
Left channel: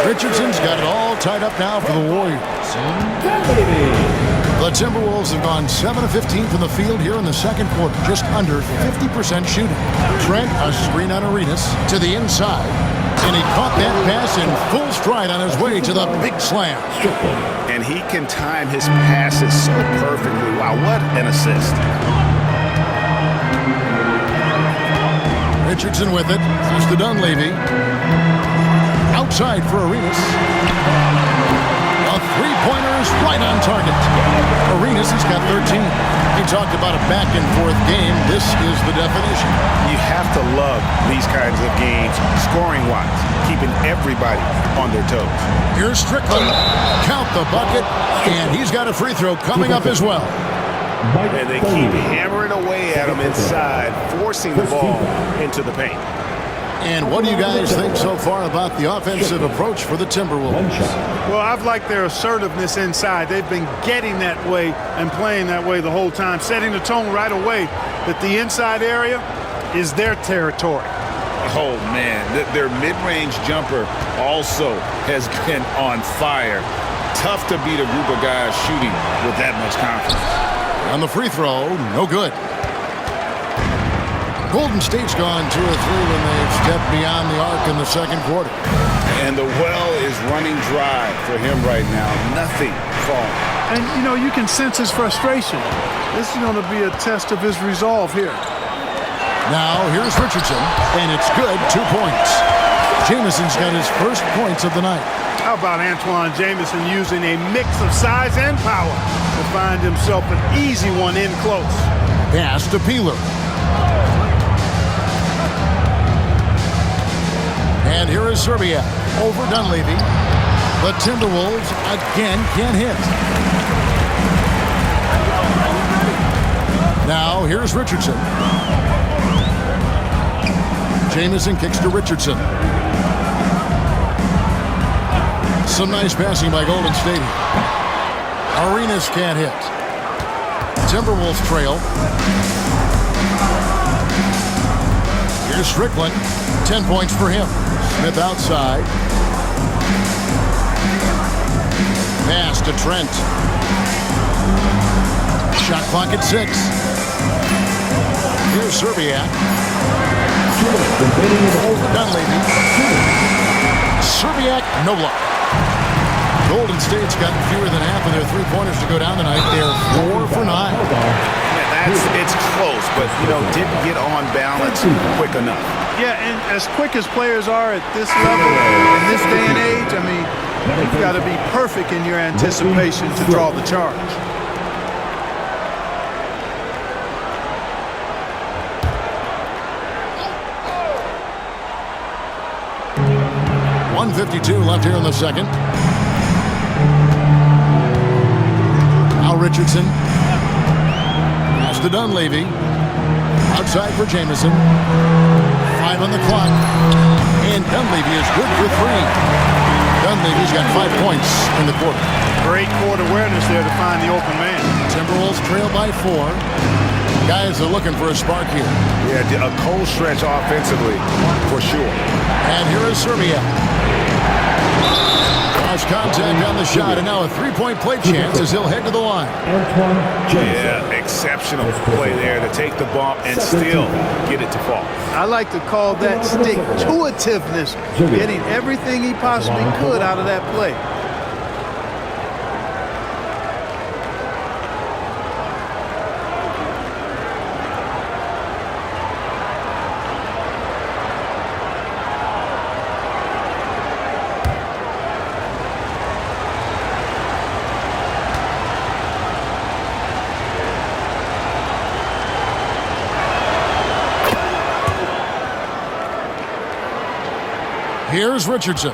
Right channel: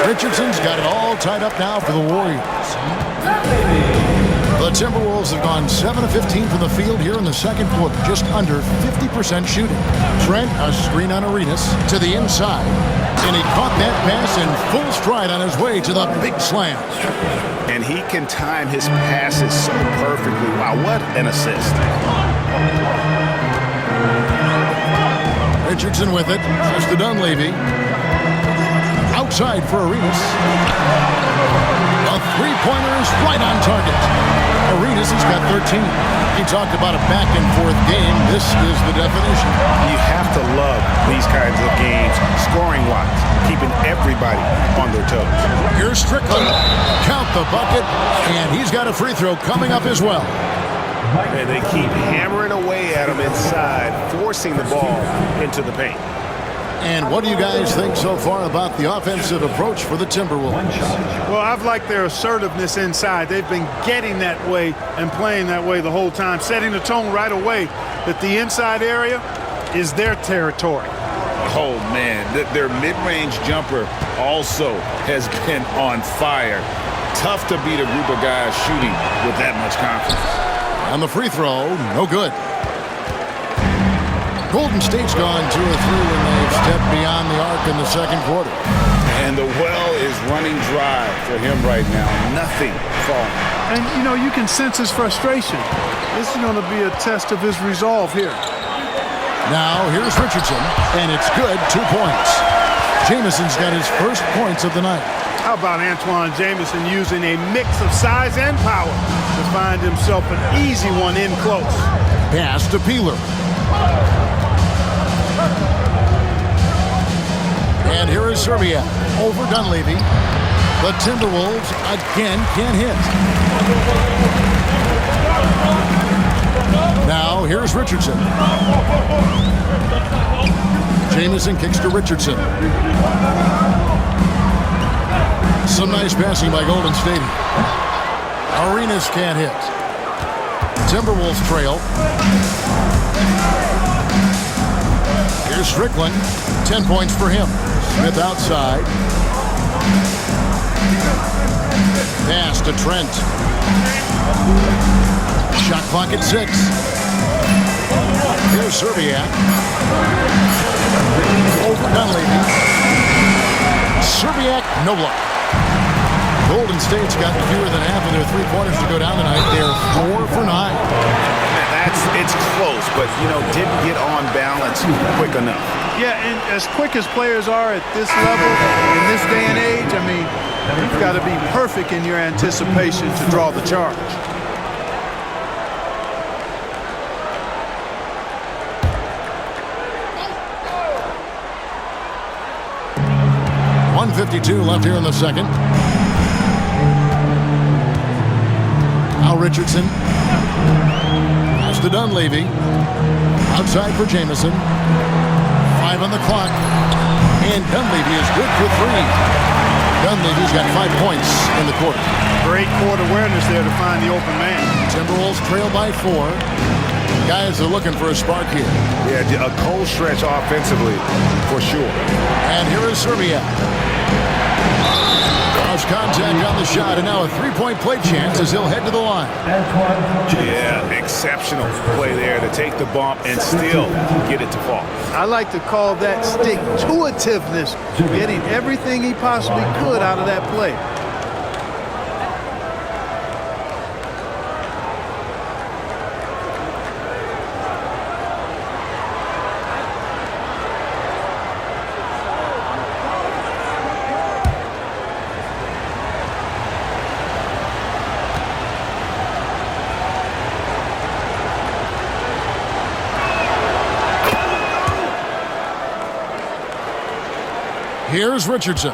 Richardson's got it all tied up now for the Warriors. The Timberwolves have gone 7 of 15 from the field here in the second quarter, just under 50% shooting. Trent, a screen on Arenas to the inside, and he caught that pass in full stride on his way to the big slam. And he can time his passes so perfectly. Wow, what an assist. Richardson with it. Pass to Dunleavy. Outside for Arenas. A three-pointer is right on target. Arenas has got 13. He talked about a back-and-forth game. This is the definition. You have to love these kinds of games, scoring-wise, keeping everybody on their toes. Here's Strickland. Count the bucket, and he's got a free throw coming up as well. And they keep hammering away at him inside, forcing the ball into the paint. And what do you guys think so far about the offensive approach for the Timberwolves? Well, I've liked their assertiveness inside. They've been getting that way and playing that way the whole time, setting the tone right away that the inside area is their territory. Oh, man, their mid-range jumper also has been on fire. Tough to beat a group of guys shooting with that much confidence. And the free throw, no good. Golden State's gone 2 of 3 when they've stepped beyond the arc in the second quarter. And the well is running dry for him right now. Nothing falling. And, you know, you can sense his frustration. This is going to be a test of his resolve here. Now, here's Richardson, and it's good, 2 points. Jamison's got his first points of the night. How about Antoine Jamison using a mix of size and power to find himself an easy one in close. Pass to Peeler. And here is Serbia over Dunleavy. The Timberwolves again can't hit. Now here's Richardson. Jamison kicks to Richardson. Some nice passing by Golden State. Arenas can't hit. Timberwolves trail. Here's Strickland. 10 points for him. Smith outside. Pass to Trent. Shot clock at 6. Here's Serbiak. Over Dunleavy. Serbiak, no block. Golden State's got fewer than half of their three-pointers to go down tonight. They're 4 for 9. Man, it's close, but, you know, didn't get on balance quick enough. Yeah, and as quick as players are at this level, in this day and age, I mean, you've got to be perfect in your anticipation to draw the charge. .152 left here in the second. Now Richardson. Pass to Dunleavy. Outside for Jamison. 5 on the clock. And Dunleavy is good for 3. Dunleavy's got 5 points in the quarter. Great court awareness there to find the open man. Timberwolves trail by 4. Guys are looking for a spark here. Yeah, a cold stretch offensively for sure. And here is Serbia. Cross contact on the shot, and now a three-point play chance as he'll head to the line. Yeah, exceptional play there to take the bump and still get it to fall. I like to call that stick-to-itiveness, getting everything he possibly could out of that play. Here's Richardson.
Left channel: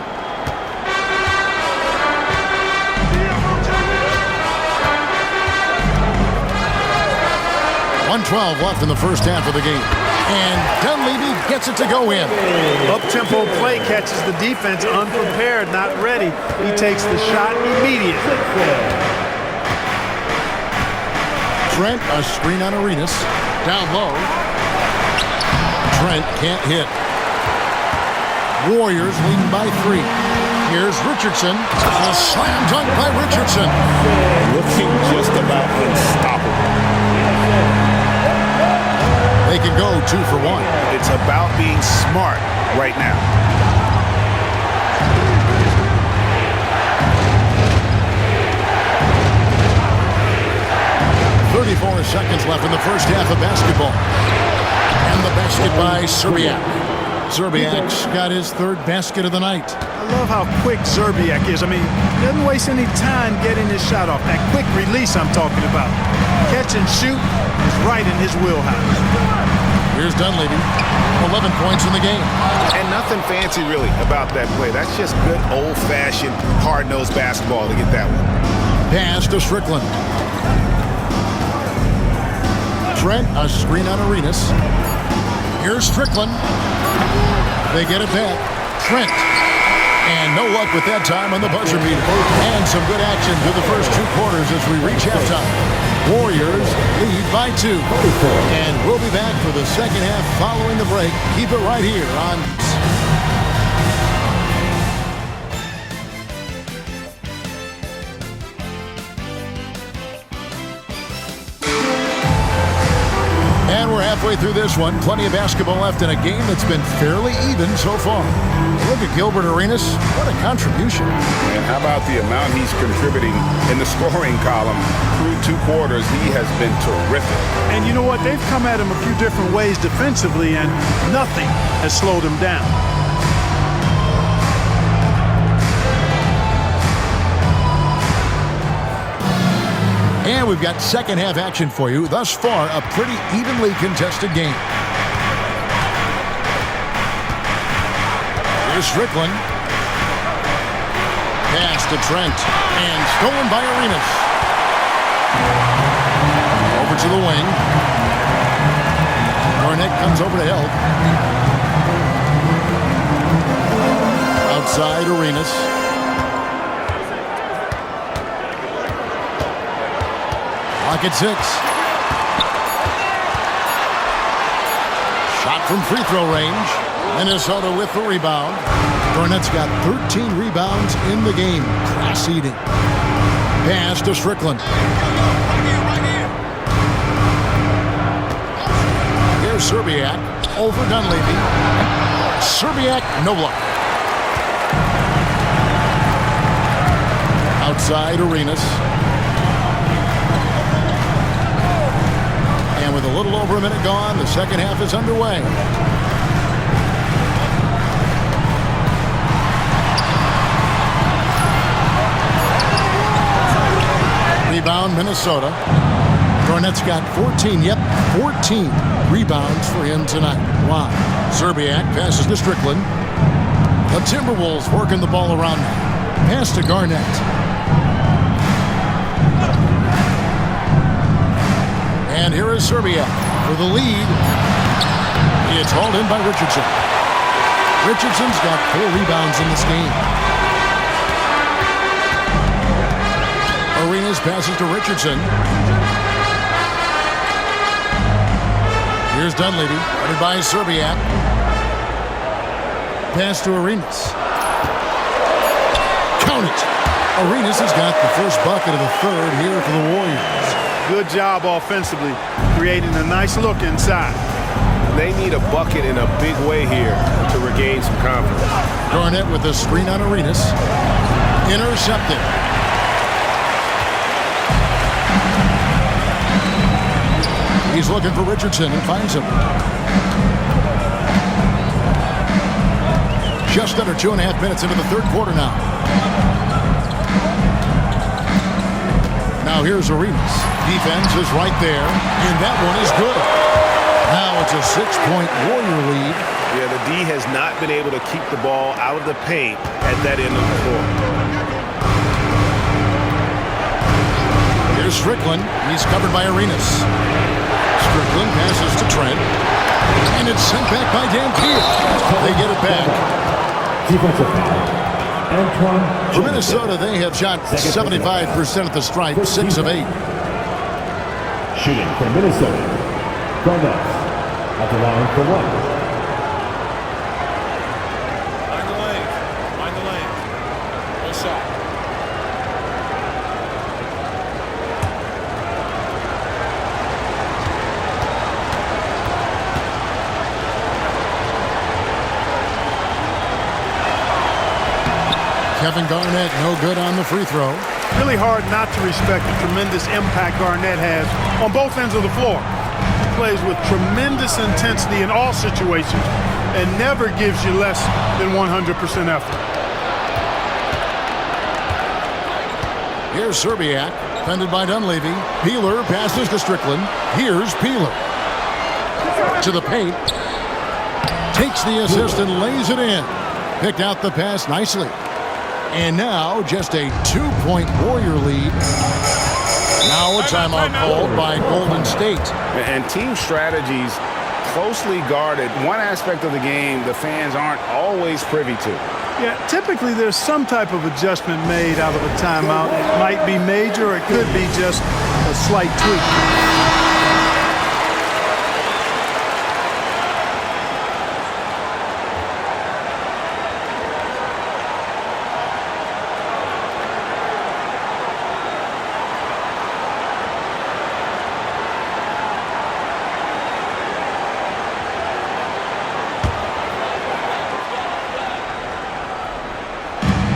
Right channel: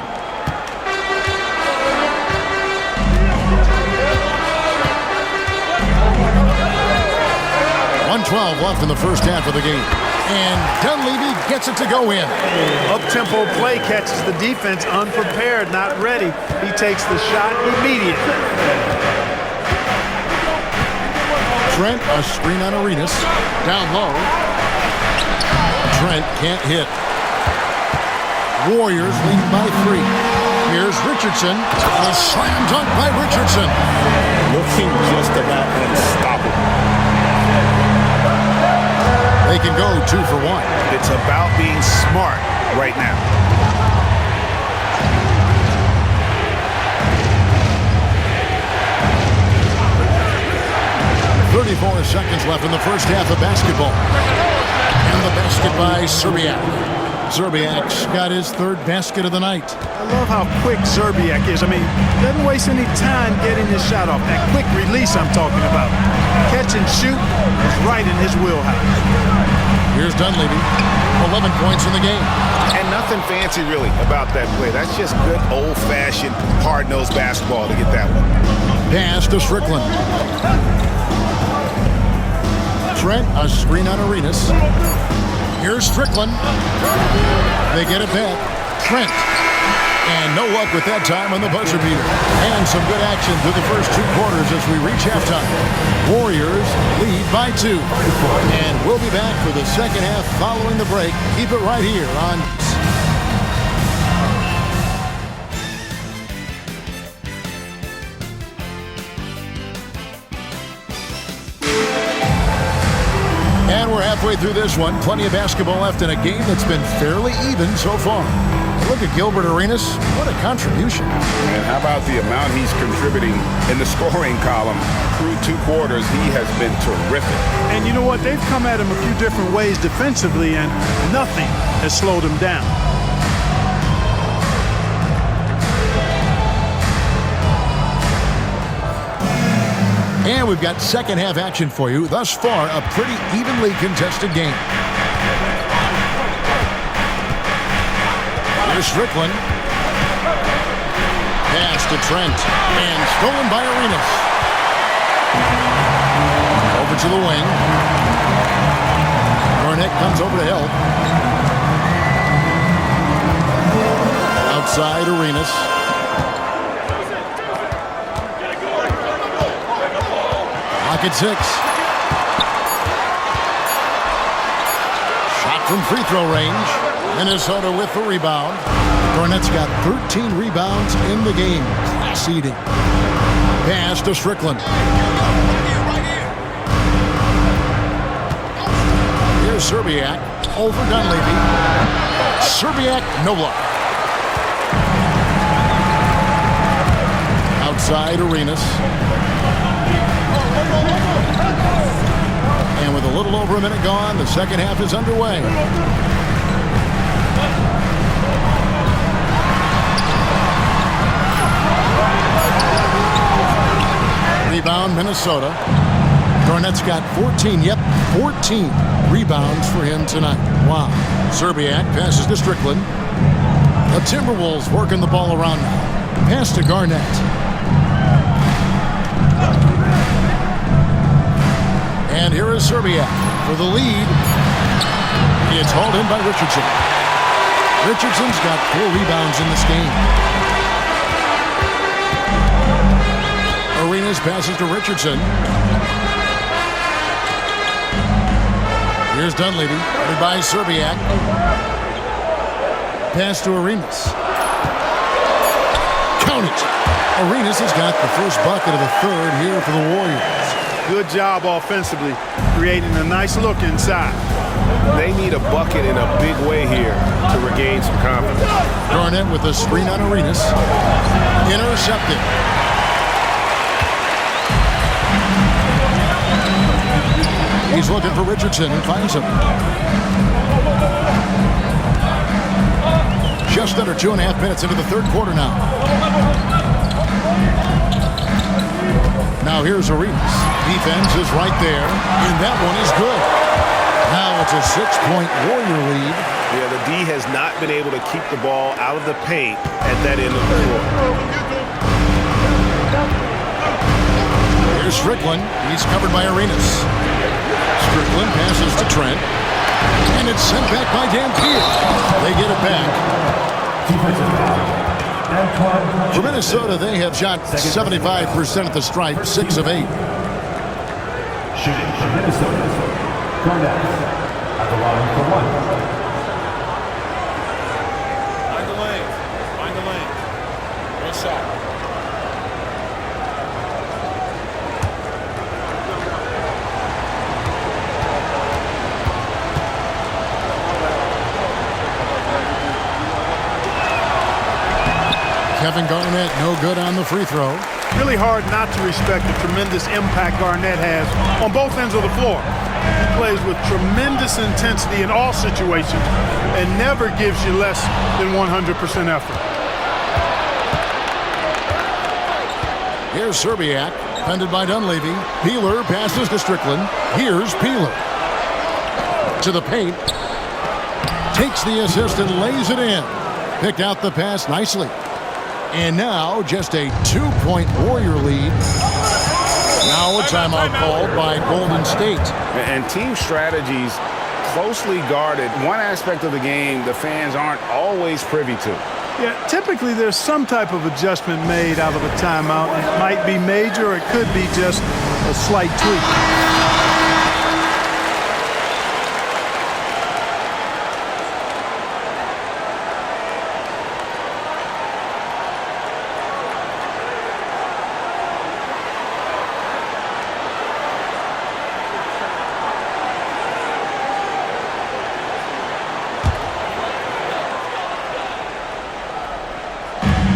1:12 left in the first half of the game. And Dunleavy gets it to go in. Up-tempo play catches the defense unprepared, not ready. He takes the shot immediately. Trent, a screen on Arenas. Down low. Trent can't hit. Warriors leading by 3. Here's Richardson. A slam dunk by Richardson. Looking just about unstoppable. They can go 2 for 1. It's about being smart right now. 34 seconds left in the first half of basketball. And the basket by Szczerbiak. Szczerbiak's got his third basket of the night. I love how quick Szczerbiak is. I mean, doesn't waste any time getting his shot off. That quick release I'm talking about. Catch and shoot is right in his wheelhouse. Here's Dunleavy. 11 points in the game. And nothing fancy really about that play. That's just good old-fashioned hard-nosed basketball to get that one. Pass to Strickland. Trent, a screen on Arenas. Here's Strickland. They get it back. Trent. And no luck with that time on the buzzer beater. And some good action through the first 2 quarters as we reach halftime. Warriors lead by 2. And we'll be back for the second half following the break. Keep it right here on... And we're halfway through this one. Plenty of basketball left in a game that's been fairly even so far. Look at Gilbert Arenas. What a contribution. And how about the amount he's contributing in the scoring column through 2 quarters? He has been terrific. And you know what? They've come at him a few different ways defensively, and nothing has slowed him down. And we've got second half action for you. Thus far, a pretty evenly contested game. Here's Strickland. Pass to Trent. And stolen by Arenas. Over to the wing. Garnett comes over to help. Outside Arenas. Clock at 6. Shot from free throw range. Minnesota with the rebound. Garnett's got 13 rebounds in the game. Class eating. Pass to Strickland. Here's Szczerbiak. Over Dunleavy. Szczerbiak, no luck. Outside Arenas. And with a little over a minute gone, the second half is underway. Rebound, Minnesota. Garnett's got 14, 14 rebounds for him tonight. Wow. Szczerbiak passes to Strickland. The Timberwolves working the ball around now. Pass to Garnett. And here is Szczerbiak for the lead. It's hauled in by Richardson. Richardson's got 4 rebounds in this game. Arenas passes to Richardson. Here's Dunleavy, headed by Szczerbiak. Pass to Arenas. Count it! Arenas has got the first bucket of the third here for the Warriors. Good job offensively, creating a nice look inside. They need a bucket in a big way here to regain some confidence. Garnett with a screen on Arenas. Intercepted. He's looking for Richardson and finds him. Just under 2.5 minutes into the third quarter now. Now here's Arenas. Defense is right there, and that one is good. Now it's a 6-point Warrior lead. Yeah, the D has not been able to keep the ball out of the paint at that end of the floor. Here's Strickland. He's covered by Arenas. Strickland passes to Trent. And it's sent back by Dampier. They get it back. Defensive foul. For Minnesota, they have shot 75% at the stripe, 6 of 8. Shooting for Minnesota. Garnett at the line for 1. Find the lane. Find the lane. Nice shot. Kevin Garnett, no good on the free throw. Really hard not to respect the tremendous impact Garnett has on both ends of the floor. He plays with tremendous intensity in all situations and never gives you less than 100% effort. Here's Serbiak, defended by Dunleavy. Peeler passes to Strickland. Here's Peeler. To the paint. Takes the assist and lays it in. Picked out the pass nicely. And now just a 2-point Warrior lead. Now a timeout called by Golden State. And team strategies closely guarded. One aspect of the game the fans aren't always privy to. Yeah, typically there's some type of adjustment made out of a timeout. It might be major or it could be just a slight tweak.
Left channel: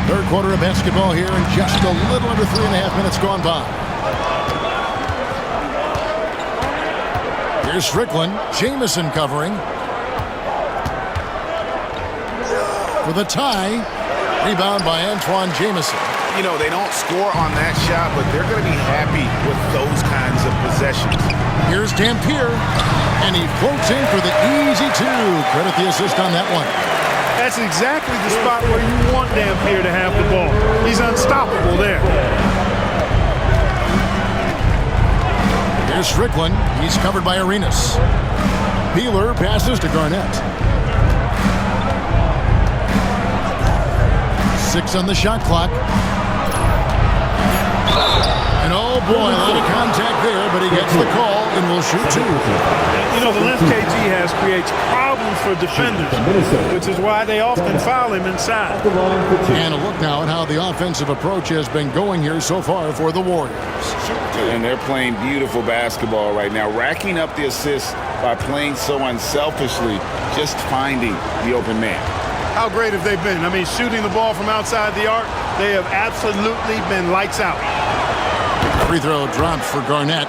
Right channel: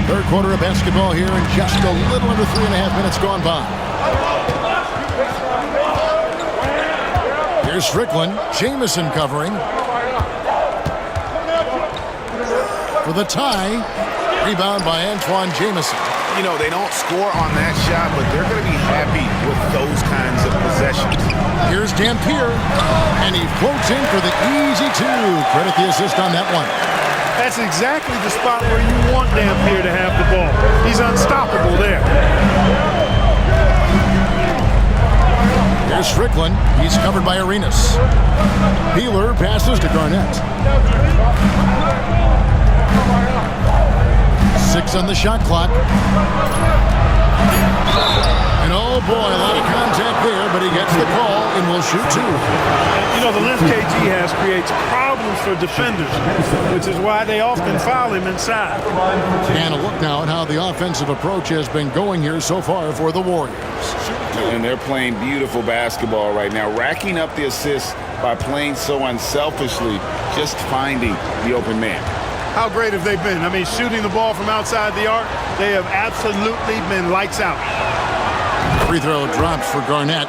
Third quarter of basketball here, and just a little under 3.5 minutes gone by. Here's Strickland. Jamison covering. For the tie. Rebound by Antoine Jamison. You know, they don't score on that shot, but they're going to be happy with those kinds of possessions. Here's Dampier, and he floats in for the easy two. Credit the assist on that one. That's exactly the spot where you want Dampier to have the ball. He's unstoppable there. Here's Strickland. He's covered by Arenas. Peeler passes to Garnett. 6 on the shot clock. And oh boy, a lot of contact there, but he gets the call and will shoot 2. You know, the length KG has creates problems for defenders, which is why they often foul him inside. And a look now at how the offensive approach has been going here so far for the Warriors. And they're playing beautiful basketball right now, racking up the assists by playing so unselfishly, just finding the open man. How great have they been? I mean, shooting the ball from outside the arc, they have absolutely been lights out. Free throw drops for Garnett.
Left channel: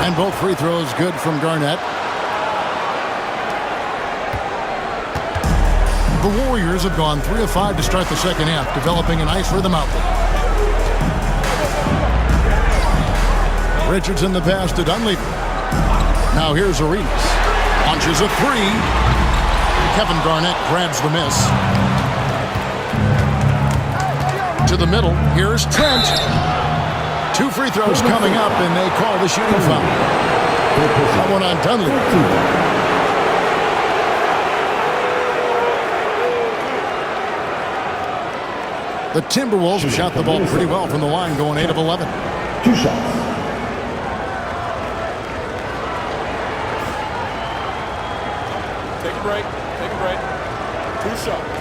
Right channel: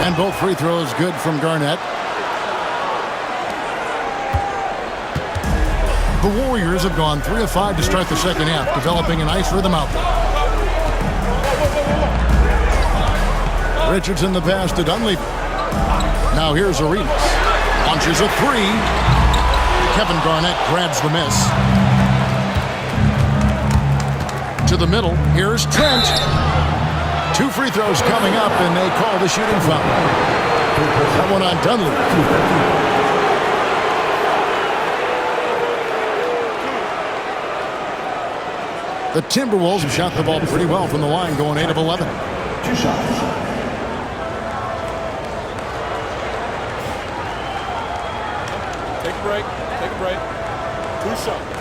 And both free throws good from Garnett. The Warriors have gone 3 of 5 to start the second half, developing a nice rhythm out there. Richardson the pass to Dunleavy. Now here's Arenas. Launches a 3. Kevin Garnett grabs the miss. To the middle. Here's Trent. 2 free throws coming up, and they call the shooting foul. That one on Dunleavy. The Timberwolves have shot the ball pretty well from the line, going 8 of 11. 2 shots. Take a break. Take a break. 2 shots.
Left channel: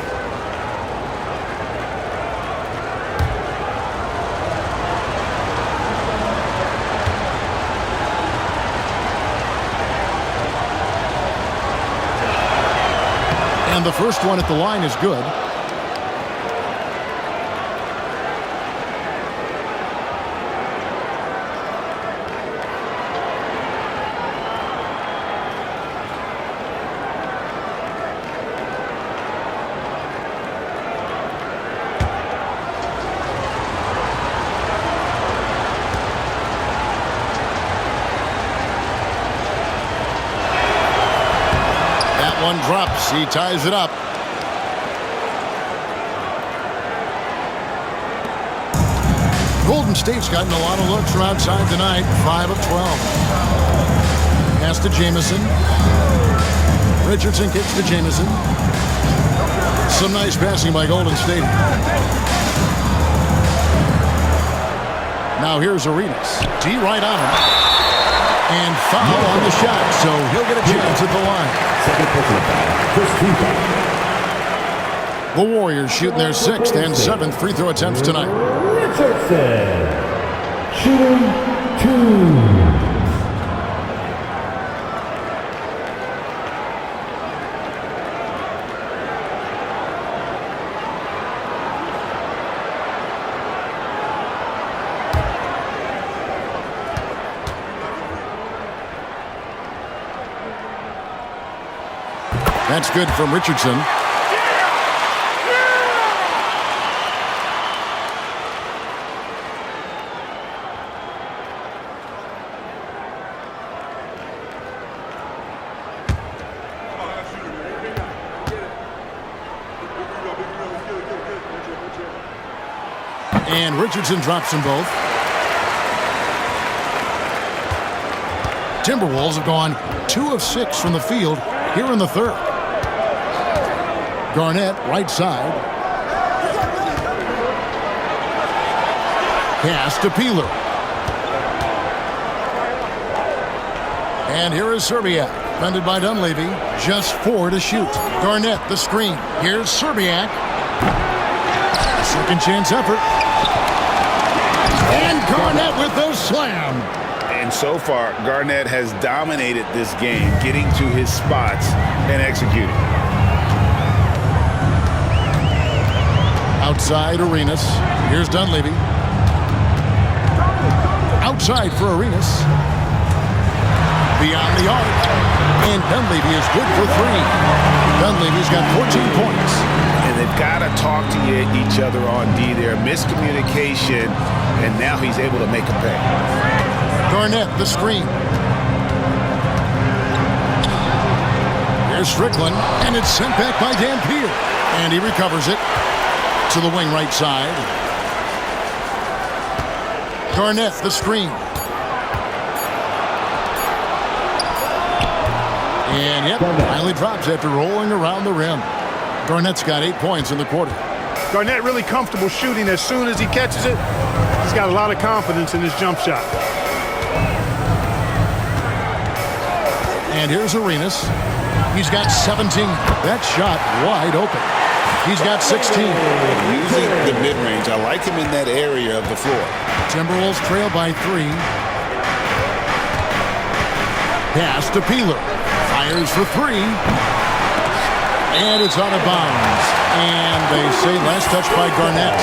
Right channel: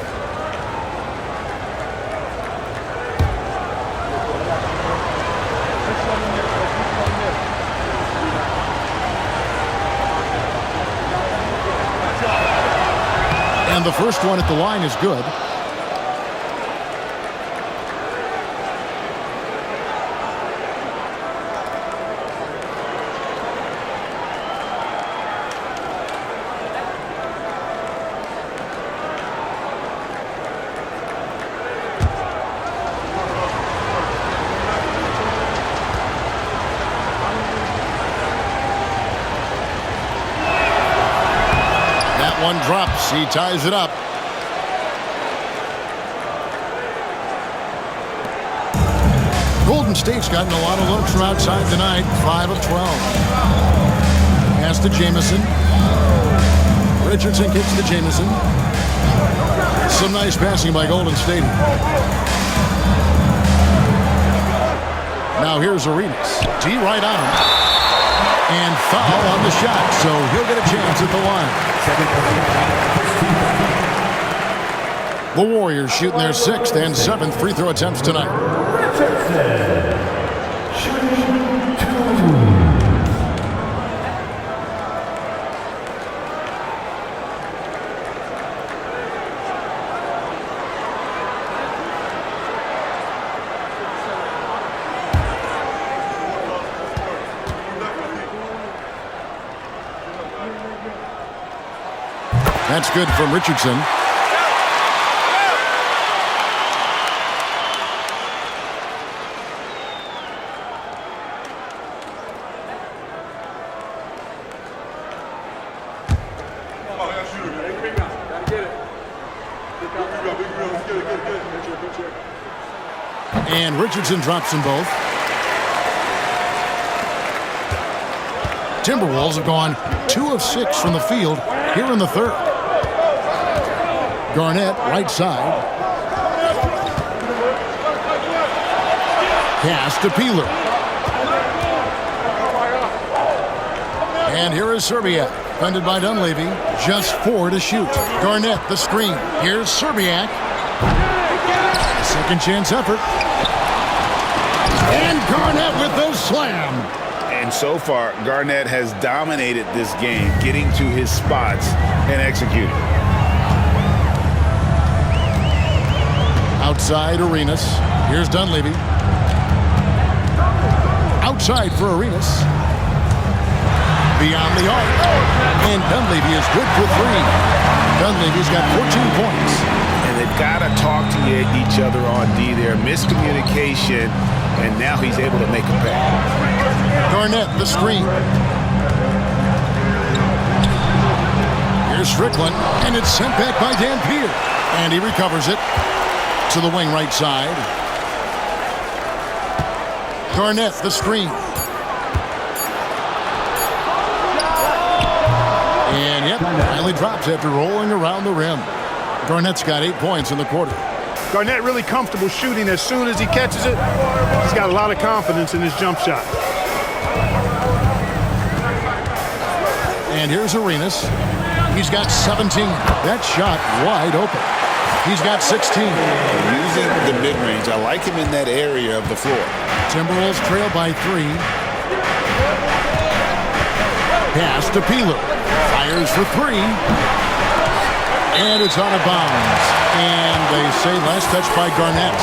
And the first one at the line is good. One drops. He ties it up. Golden State's gotten a lot of looks from outside tonight. 5 of 12. Pass to Jamison. Richardson kicks to Jamison. Some nice passing by Golden State. Now here's Arenas. D right on him. And foul on the shot, so he'll get a chance at the line. The Warriors shooting their 6th and 7th free throw attempts tonight. Richardson, shooting 2. That's good from Richardson. And Richardson drops them both. Timberwolves have gone 2 of 6 from the field here in the 3rd. Garnett, right side. Pass to Peeler. And here is Serbiak, defended by Dunleavy. Just 4 to shoot. Garnett, the screen. Here's Serbiak. A second chance effort. And Garnett with the slam. And so far, Garnett has dominated this game, getting to his spots and executing. Outside Arenas. Here's Dunleavy. Outside for Arenas. Beyond the arc. And Dunleavy is good for 3. Dunleavy's got 14 points. And they've got to talk to each other on D there. Miscommunication, and now he's able to make a pay. Garnett, the screen. Here's Strickland, and it's sent back by Dampier. And he recovers it to the wing right side. Garnett, the screen. And yep, finally drops after rolling around the rim. Garnett's got 8 points in the quarter. Garnett really comfortable shooting. As soon as he catches it, he's got a lot of confidence in his jump shot. And here's Arenas. He's got 17. That shot wide open. He's got 16. Using the mid-range, I like him in that area of the floor. Timberwolves trail by 3. Pass to Peeler. Fires for 3. And it's out of bounds. And they say last touch by Garnett.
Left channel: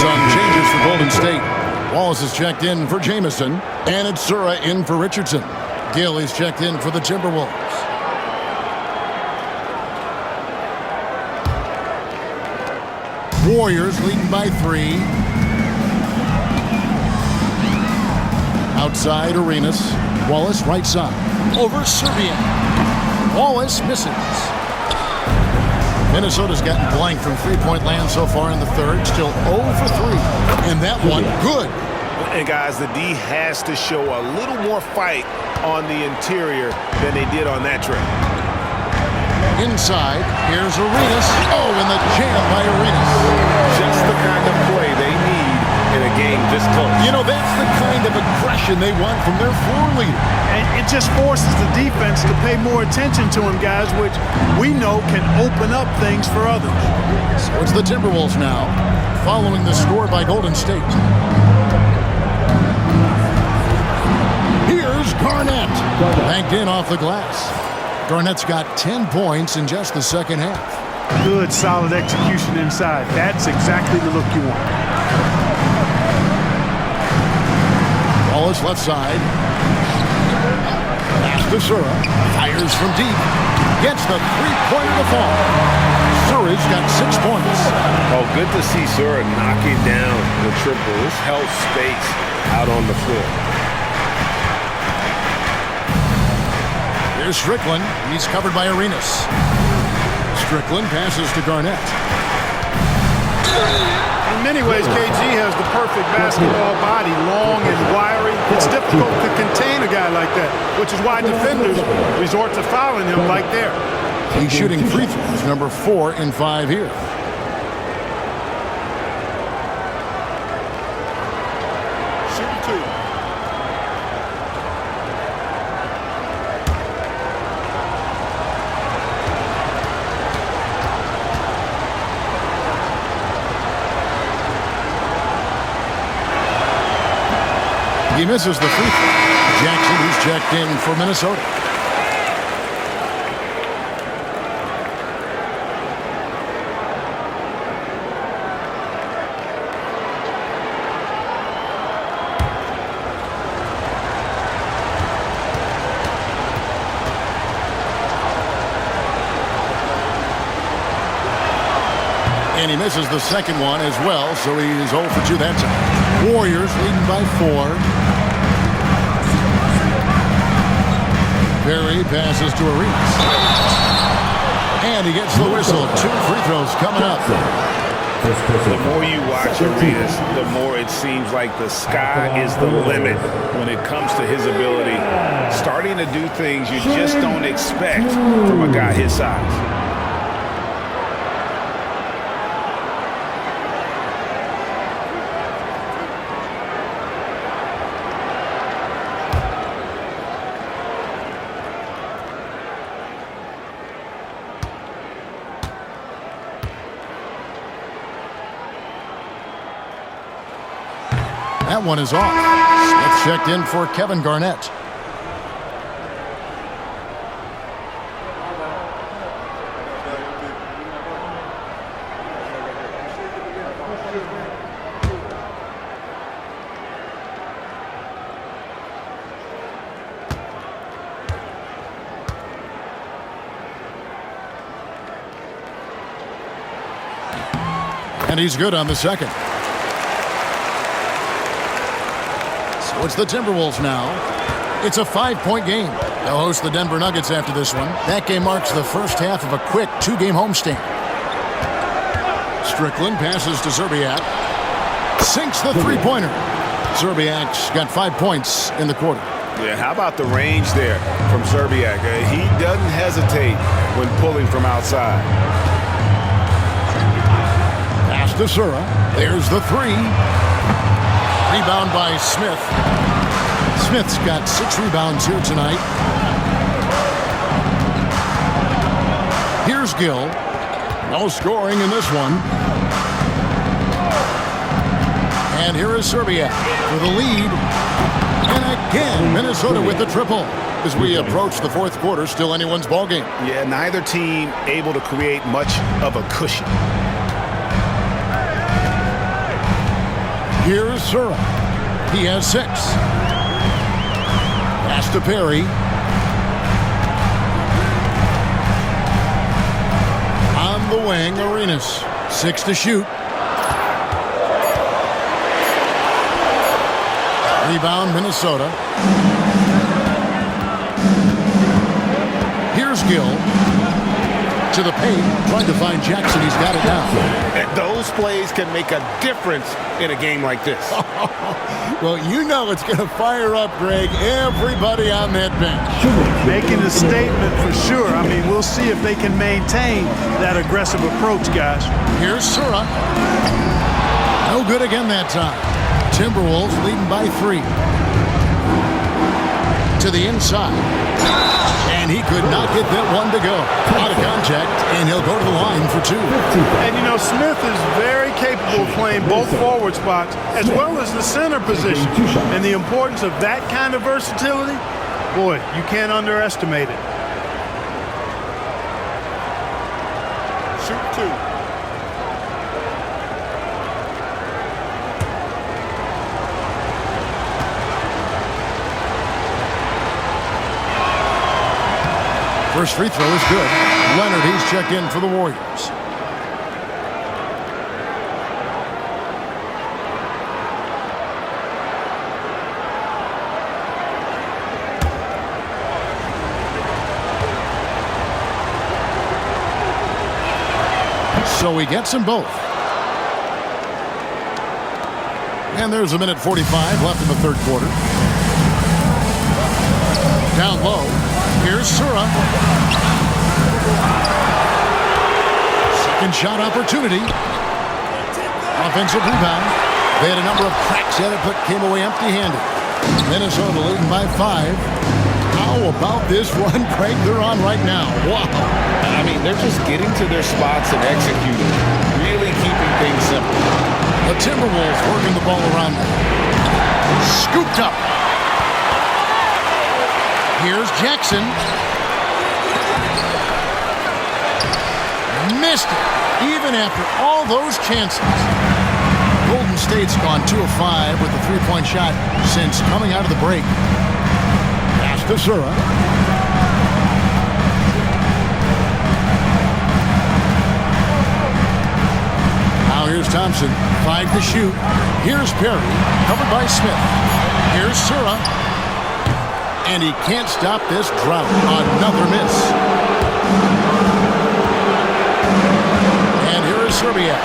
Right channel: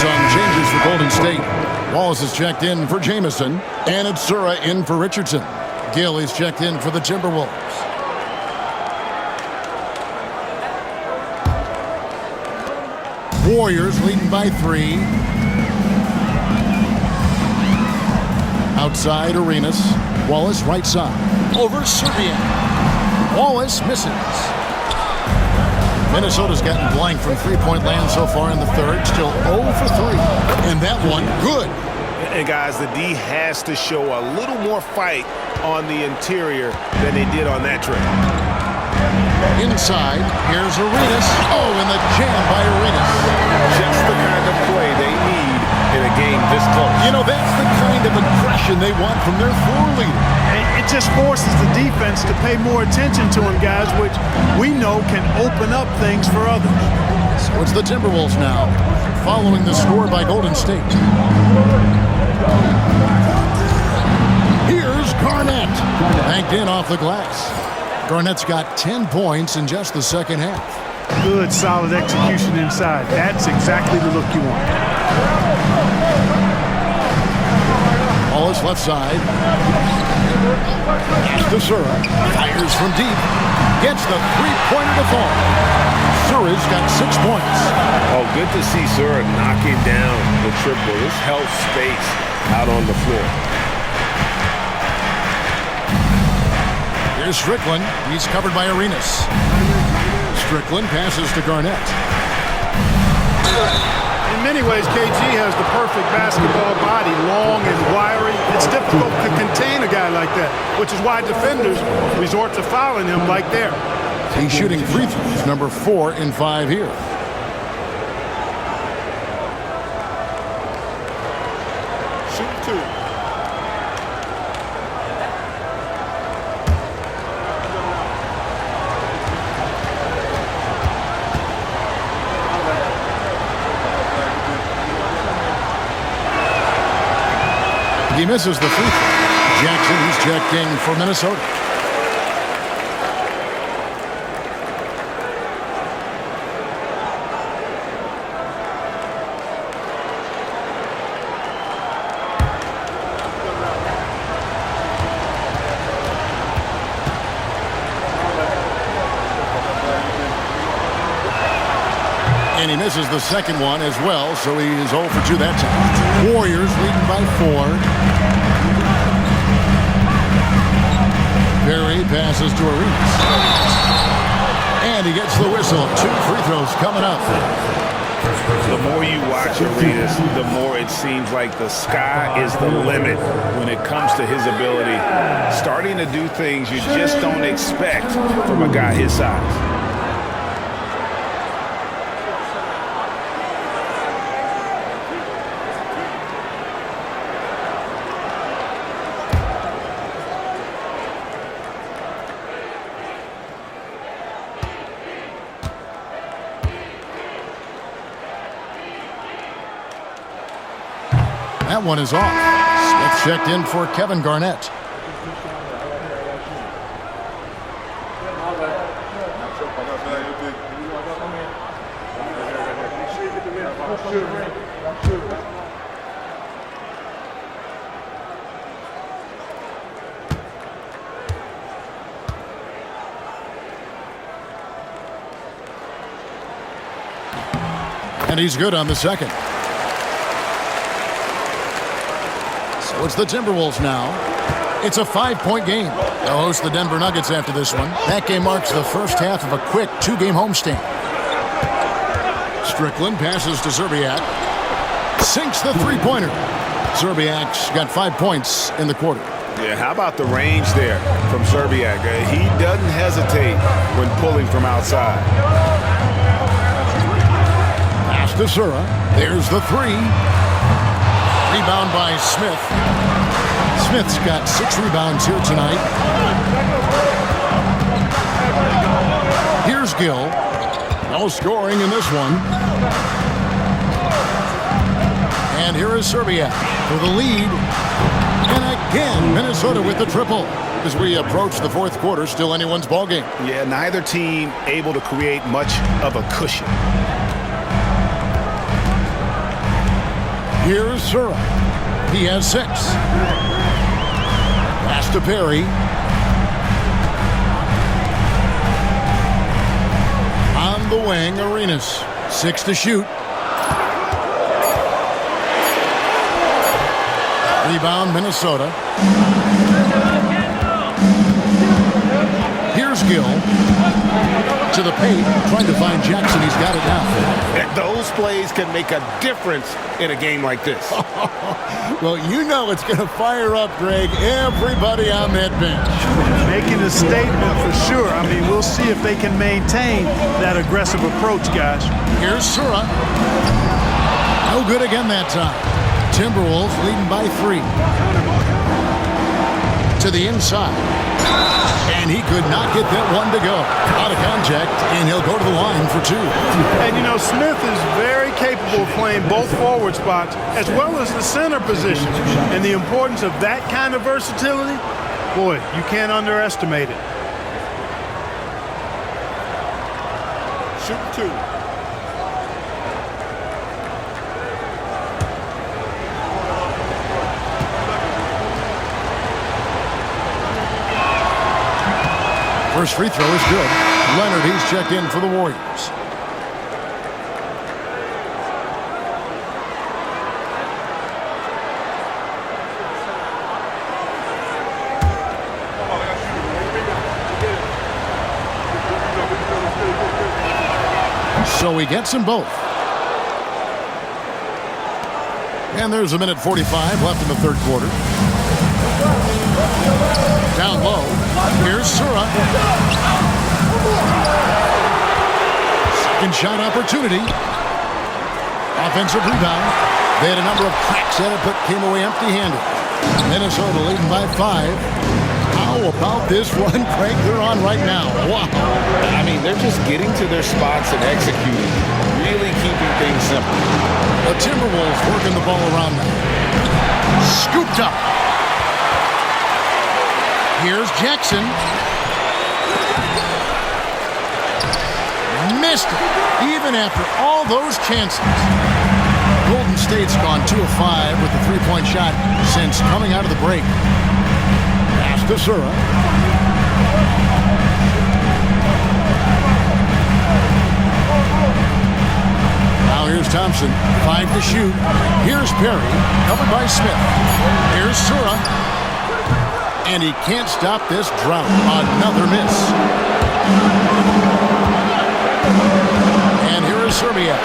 Some changes for Golden State. Wallace is checked in for Jamison. And it's Sura in for Richardson. Gill is checked in for the Timberwolves. Warriors leading by 3. Outside Arenas. Wallace right side. Over Serbiak. Wallace misses. Minnesota's gotten blank from three-point land so far in the 3rd. Still 0 for 3. And that one, good. And guys, the D has to show a little more fight on the interior than they did on that trip. Inside, here's Arenas. Oh, and the jam by Arenas. Just the kind of play they need in a game this close. You know, that's the kind of aggression they want from their floor leader. And it just forces the defense to pay more attention to him, guys, which we know can open up things for others. So it's the Timberwolves now, following the score by Golden State. Here's Garnett. Banked in off the glass. Garnett's got 10 points in just the second half. Good, solid execution inside. That's exactly the look you want. Wallace left side. Pass to Sura. Fires from deep. Gets the three-pointer to fall. Sura's got 6 points. Oh, good to see Sura knocking down the triple. This helps space out on the floor. Here's Strickland. He's covered by Arenas. Strickland passes to Garnett. In many ways, KG has the perfect basketball body, long and wiry. It's difficult to contain a guy like that, which is why defenders resort to fouling him like there. He's shooting free throws, number 4 in 5 here. Shooting 2. He misses the free throw. Jackson, he's checked in for Minnesota. And he misses the second one as well, so he is 0 for 2 that time. Warriors leading by 4. Perry passes to Arenas. And he gets the whistle. 2 free throws coming up. The more you watch Arenas, the more it seems like the sky is the limit when it comes to his ability. Starting to do things you just don't expect from a guy his size. That one is off. Smith checked in for Kevin Garnett. And he's good on the second. So it's the Timberwolves now. It's a 5-point game. They'll host the Denver Nuggets after this one. That game marks the first half of a quick 2-game homestand. Strickland passes to Zerbiak. Sinks the three-pointer. Zerbiak's got 5 points in the quarter. Yeah, how about the range there from Zerbiak? He doesn't hesitate when pulling from outside. Pass to Sura. There's the 3. Rebound by Smith. Smith's got 6 rebounds here tonight. Here's Gill. No scoring in this one. And here is Zerbiak for the lead. And again, Minnesota with the triple. As we approach the fourth quarter, still anyone's ballgame. Yeah, neither team able to create much of a cushion. Here's Sura. He has 6. Pass to Perry. On the wing, Arenas. 6 to shoot. Rebound, Minnesota. Here's Gill. To the paint, trying to find Jackson. He's got it now. Those plays can make a difference in a game like this. Well, you know it's going to fire up, Greg, everybody on that bench. Making a statement for sure. I mean, we'll see if they can maintain that aggressive approach, guys. Here's Sura. No good again that time. Timberwolves leading by 3. To the inside. And he could not get that one to go. Out of contact, and he'll go to the line for 2. And, you know, Smith is very capable of playing both forward spots as well as the center position. And the importance of that kind of versatility, boy, you can't underestimate it. Shooting 2. First free throw is good. Leonard, he's checked in for the Warriors. So he gets them both. And there's a minute 45 left in the third quarter. Down low. Here's Sura. Second shot opportunity. Offensive rebound. They had a number of cracks at it, but came away empty-handed. Minnesota leading by 5. How about this run, Craig, they're on right now? Wow. I mean, they're just getting to their spots and executing. Really keeping things simple. The Timberwolves working the ball around now. Scooped up. Here's Jackson. Missed it, even after all those chances. Golden State's gone 2 of 5 with the three-point shot since coming out of the break. Pass to Sura. Now here's Thompson. 5 to shoot. Here's Perry, covered by Smith. Here's Sura. And he can't stop this drought. Another miss. And here is Serbia.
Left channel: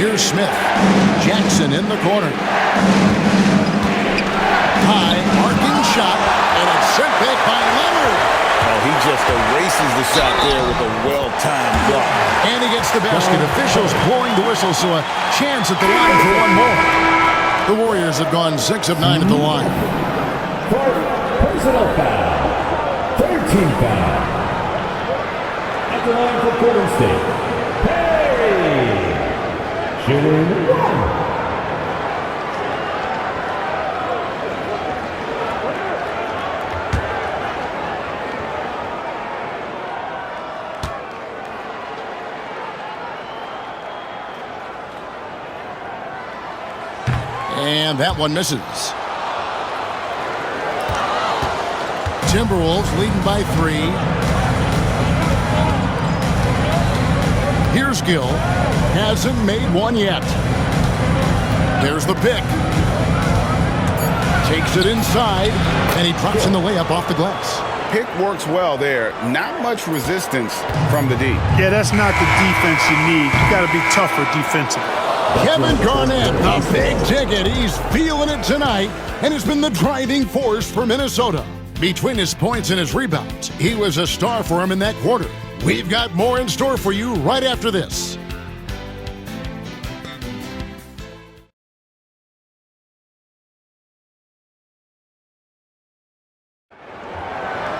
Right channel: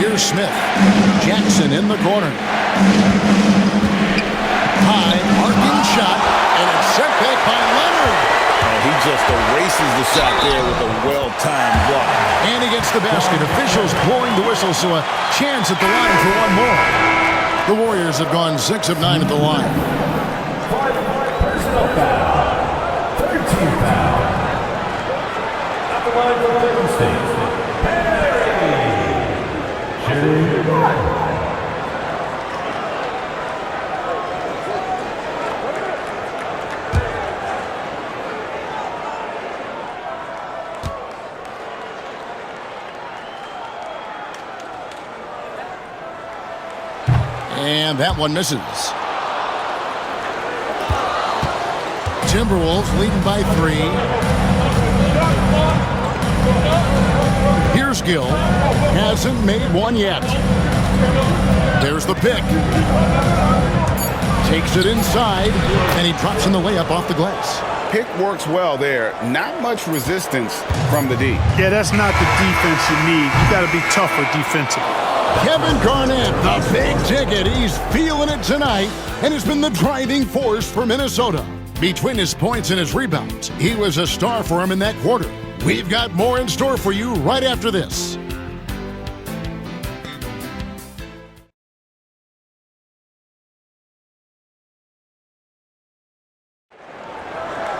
Here's Smith. Jackson in the corner. High, arcing shot, and it's sent back by Leonard. Oh, he just erases the shot there with a well-timed block. And he gets the basket. Officials blowing the whistle, so a chance at the line for one more. The Warriors have gone 6 of 9 at the line. Personal foul. 13 foul. At the line for Golden State. Perry. Shooting 1. And that one misses. Timberwolves leading by 3. Here's Gill. Hasn't made one yet. There's the pick. Takes it inside, and he drops in the layup off the glass. Pick works well there. Not much resistance from the D. Yeah, that's not the defense you need. You got to be tougher defensively. Kevin Garnett, the big ticket. He's feeling it tonight and has been the driving force for Minnesota. Between his points and his rebounds, he was a star for him in that quarter. We've got more in store for you right after this.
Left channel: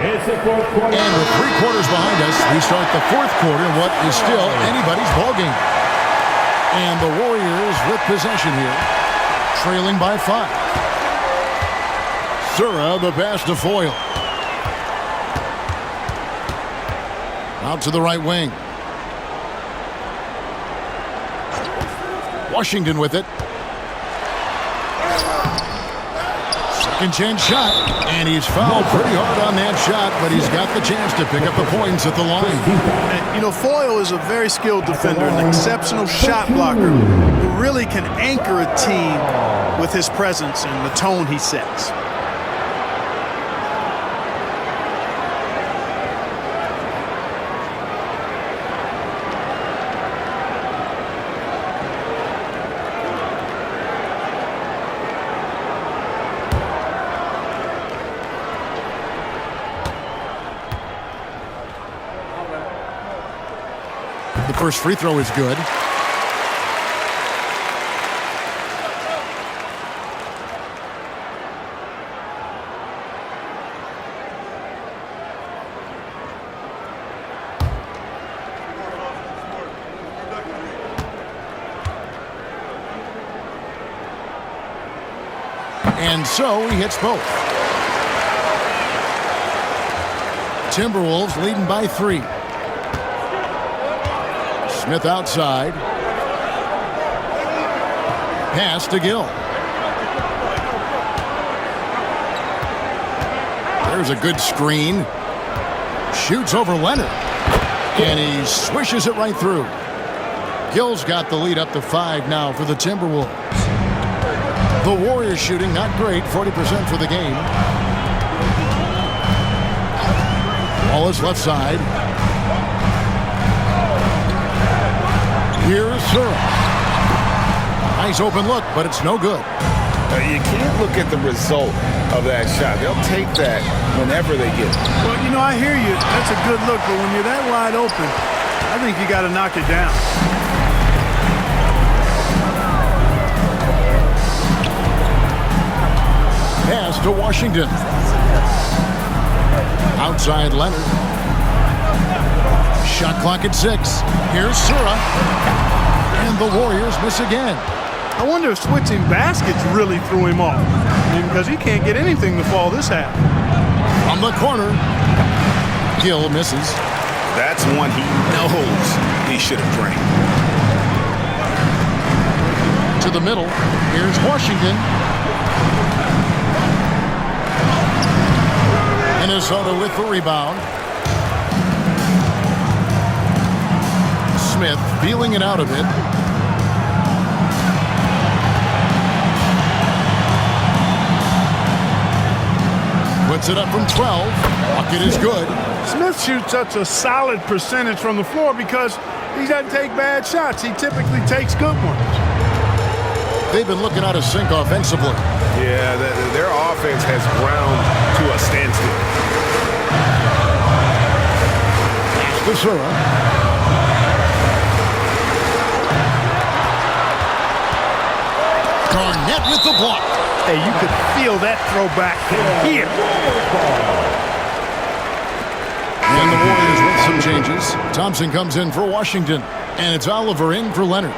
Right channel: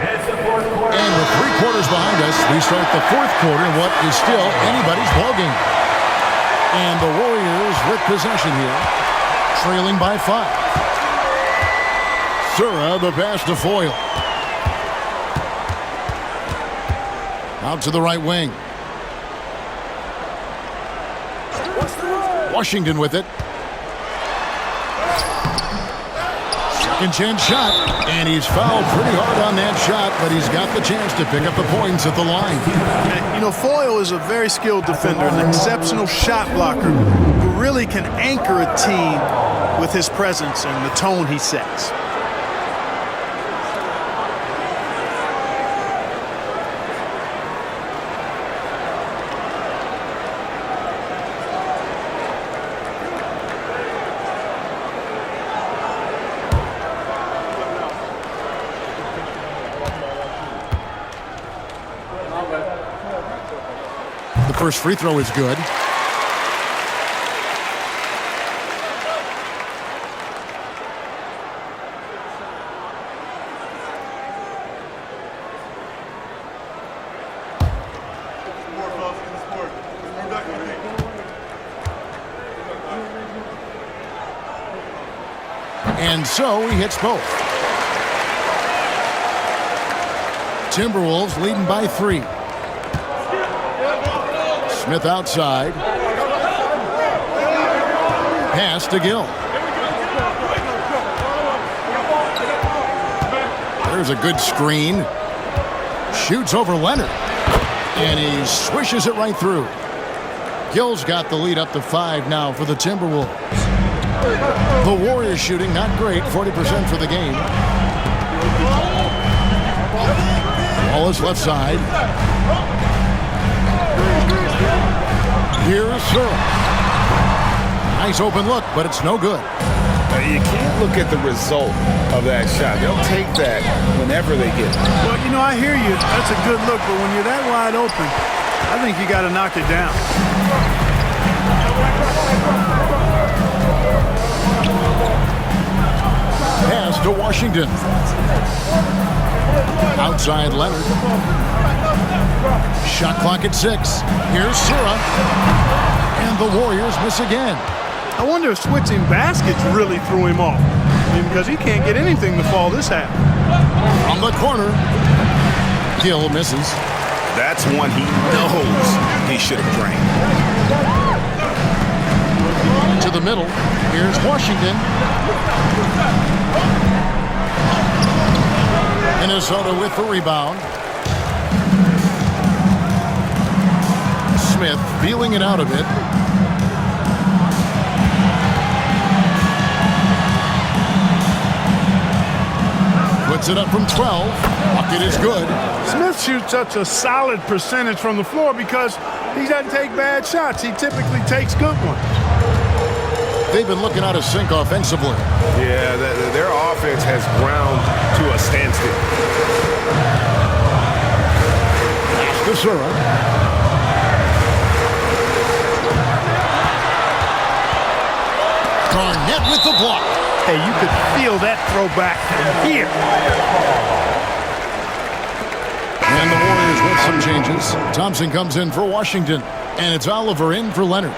It's the fourth quarter. And with 3 quarters behind us, we start the fourth quarter in what is still anybody's ballgame. And the Warriors with possession here, trailing by 5. Sura, the pass to Foyle. Out to the right wing. Washington with it. Second chance shot, and he's fouled pretty hard on that shot, but he's got the chance to pick up the points at the line. And, you know, Foyle is a very skilled defender, an exceptional shot blocker who really can anchor a team with his presence and the tone he sets. The first free throw is good. And so he hits both. Timberwolves leading by 3. Smith outside. Pass to Gill. There's a good screen. Shoots over Leonard. And he swishes it right through. Gill's got the lead up to 5 now for the Timberwolves. The Warriors shooting not great, 40% for the game. Wallace left side. Here's Sura. Nice open look, but it's no good. You can't look at the result of that shot. They'll take that whenever they get it. Well, you know, I hear you. That's a good look, but when you're that wide open, I think you got to knock it down. Pass to Washington. Outside Leonard. Shot clock at 6. Here's Sura. And the Warriors miss again. I wonder if switching baskets really threw him off. I mean, because he can't get anything to fall this half. From the corner. Gill misses. That's one he knows he should have drained. To the middle. Here's Washington. Minnesota with the rebound. Smith feeling it out a bit. Puts it up from 12. Bucket is good. Smith shoots such a solid percentage from the floor because he doesn't take bad shots. He typically takes good ones. They've been looking out of sync offensively. Yeah, their offense has ground to a standstill. Pass to Sura. Garnett with the block. Hey, you could feel that throwback from here. And the Warriors with some changes. Thompson comes in for Washington. And it's Oliver in for Leonard.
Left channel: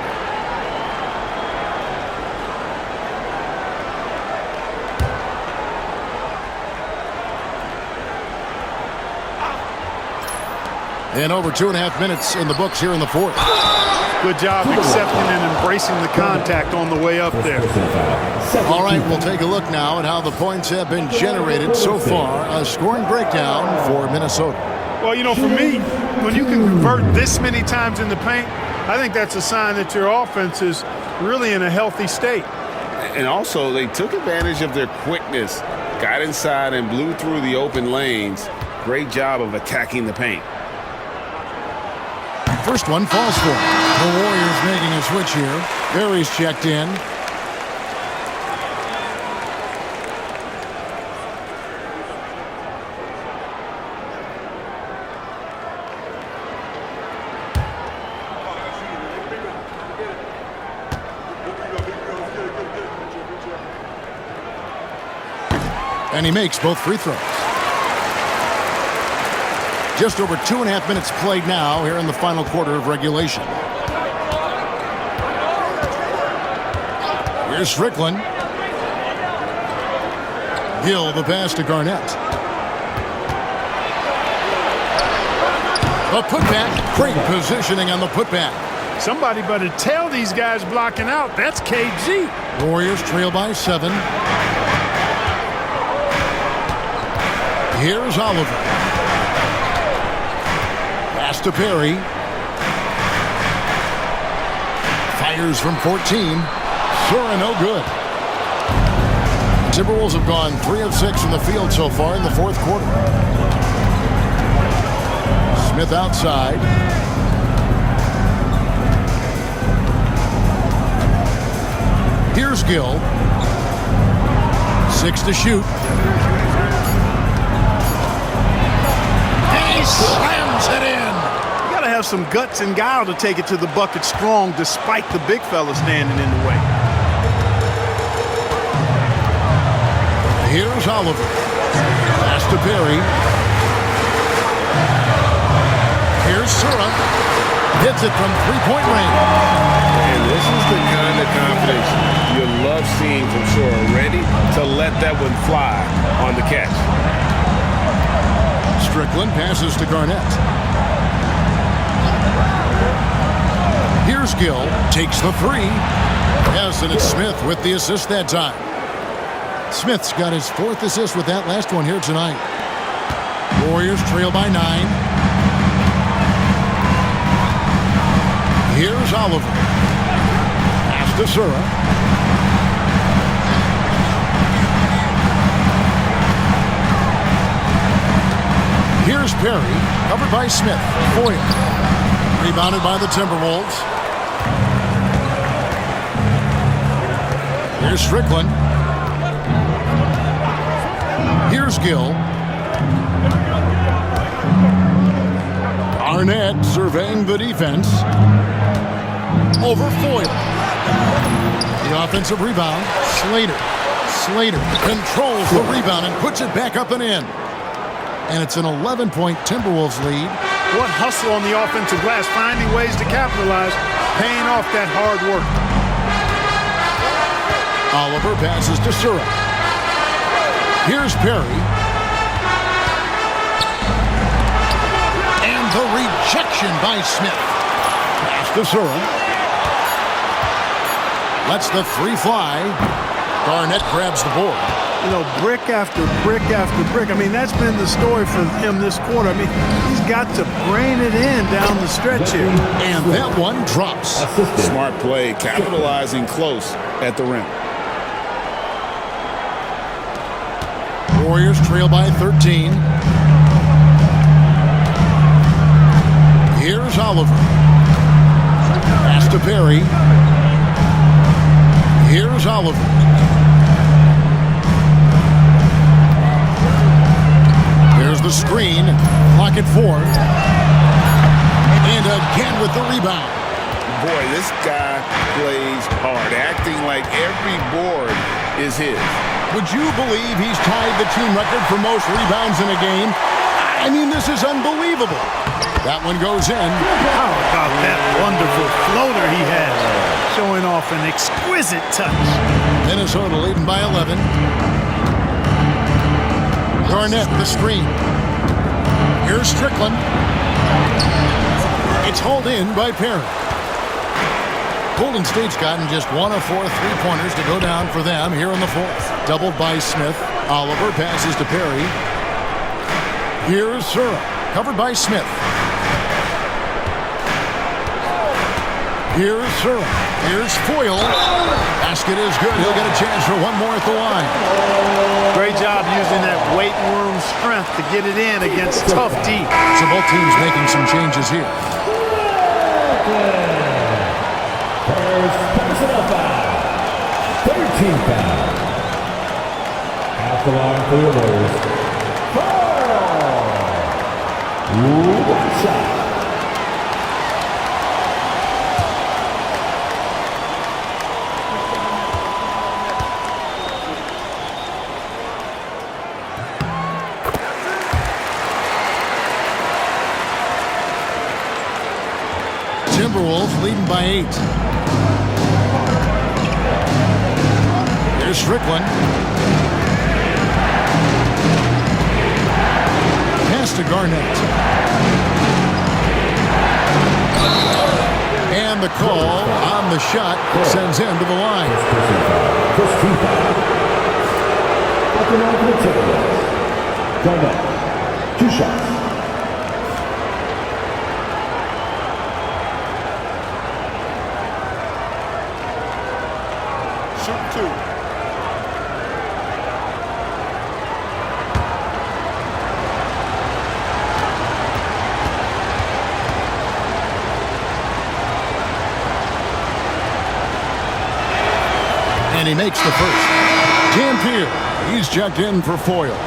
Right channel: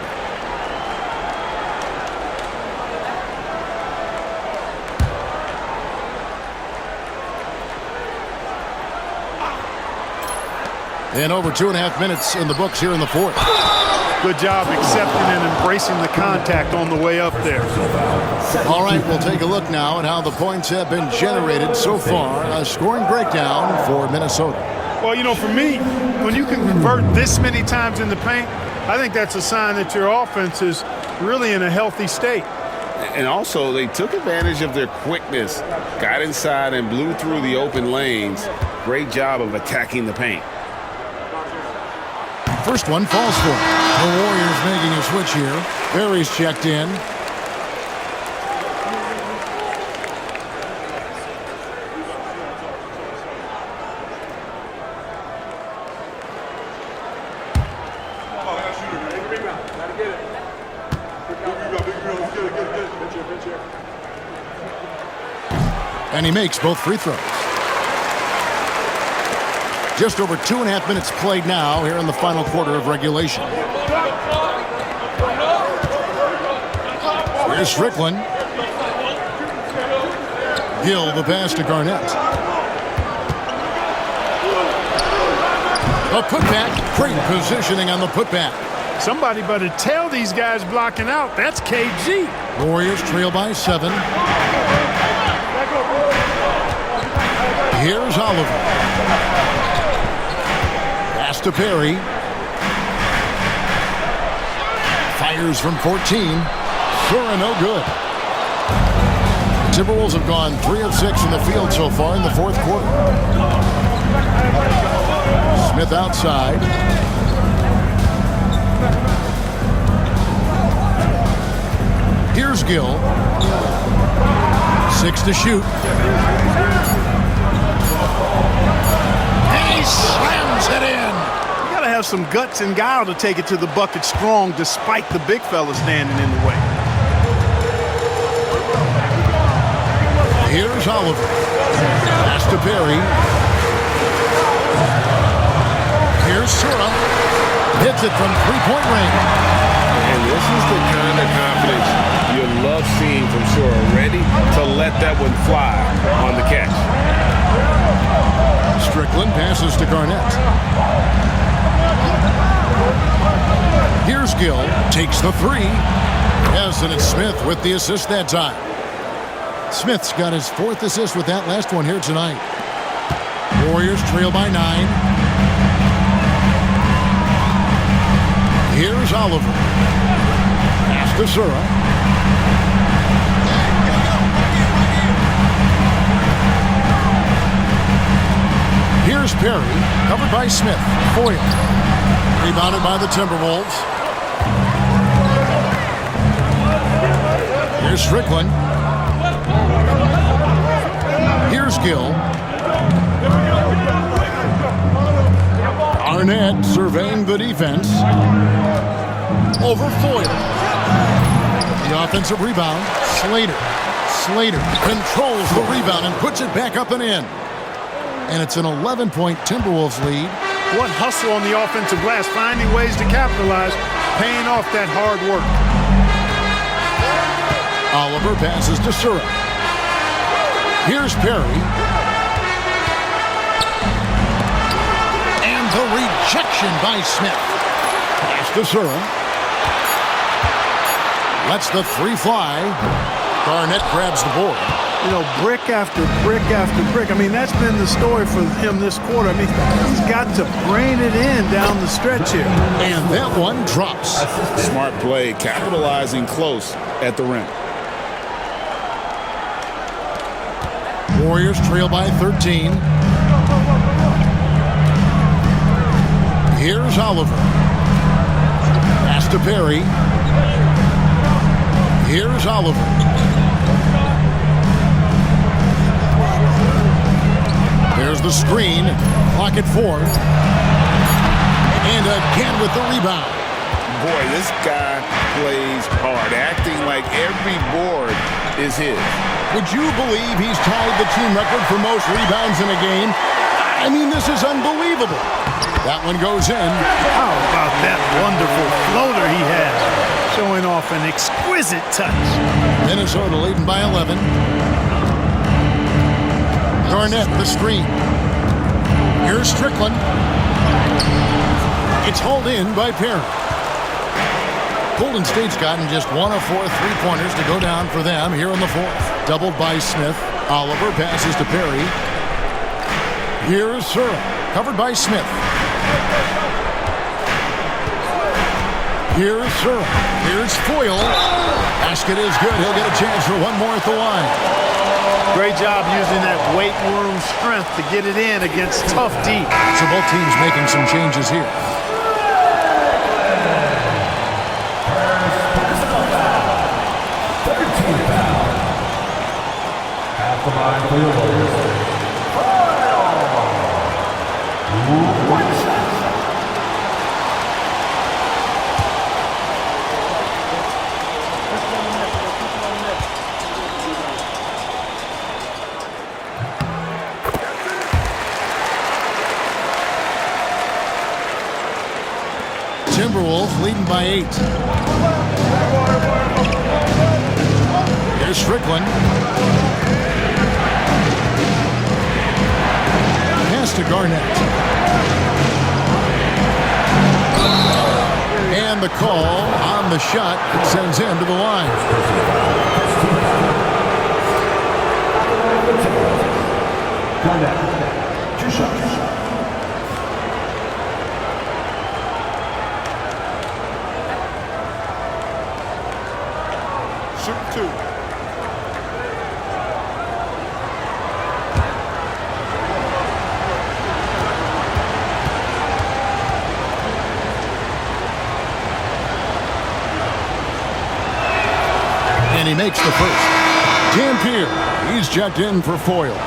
And over 2.5 minutes in the books here in the fourth. Good job accepting and embracing the contact on the way up there. All right, we'll take a look now at how the points have been generated so far. A scoring breakdown for Minnesota. Well, you know, for me, when you can convert this many times in the paint, I think that's a sign that your offense is really in a healthy state. And also, they took advantage of their quickness, got inside and blew through the open lanes. Great job of attacking the paint. First one falls for him. The Warriors making a switch here. Barry's checked in. And he makes both free throws. Just over 2.5 minutes played now here in the final quarter of regulation. Here's Strickland. Gill the pass to Garnett. A putback. Great positioning on the putback. Somebody better tell these guys blocking out. That's KG. Warriors trail by 7. Here's Oliver. Pass to Perry. Fires from 14. Sura no good. The Timberwolves have gone 3 of 6 from the field so far in the fourth quarter. Smith outside. Here's Gill. 6 to shoot. He slams it in. You got to have some guts and guile to take it to the bucket strong despite the big fella standing in the way. Here's Oliver. Pass to Perry. Here's Sura. Hits it from three-point range. And this is the kind of confidence you love seeing from Sura. Ready to let that one fly on the catch. Strickland passes to Garnett. Here's Gill. Takes the 3. Yes, and it's Smith with the assist that time. Smith's got his 4th assist with that last one here tonight. Warriors trail by 9. Here's Oliver. Pass to Sura. Here's Perry, covered by Smith. Foyle. Rebounded by the Timberwolves. Here's Strickland. Here's Gill. Arnett surveying the defense. Over Foyle. The offensive rebound. Slater. Slater controls the rebound and puts it back up and in. And it's an 11-point Timberwolves lead. What hustle on the offensive glass, finding ways to capitalize, paying off that hard work. Oliver passes to Sura. Here's Perry. And the rejection by Smith. Pass to Sura. Lets the three fly. Garnett grabs the board. You know, brick after brick after brick. I mean, that's been the story for him this quarter. I mean, he's got to brain it in down the stretch here. And that one drops. Smart play, capitalizing close at the rim. Warriors trail by 13. Here's Oliver. Pass to Perry. Here's Oliver. There's the screen. Clock at 4. And again with the rebound. Boy, this guy plays hard, acting like every board is his. Would you believe he's tied the team record for most rebounds in a game? I mean, this is unbelievable. That one goes in. How about that wonderful floater he has, showing off an exquisite touch. Minnesota leading by 11. Garnett, the screen. Here's Strickland. It's hauled in by Perry. Golden State's gotten just 1 of 4 three-pointers to go down for them here in the fourth. Doubled by Smith. Oliver passes to Perry. Here's Sura, covered by Smith. Here's Sura. Here's Foyle. Basket is good. He'll get a chance for one more at the line. Great job using that weight room strength to get it in against tough D. So both teams making some changes here. Personal foul. 13th foul. At the line for the Warriors. One shot. Timberwolves leading by 8. Here's Strickland. Pass to Garnett. And the call on the shot sends him to the line. Garnett, 2 shots. Shooting 2. And he makes the first. Dampier, he's checked in for Foyle.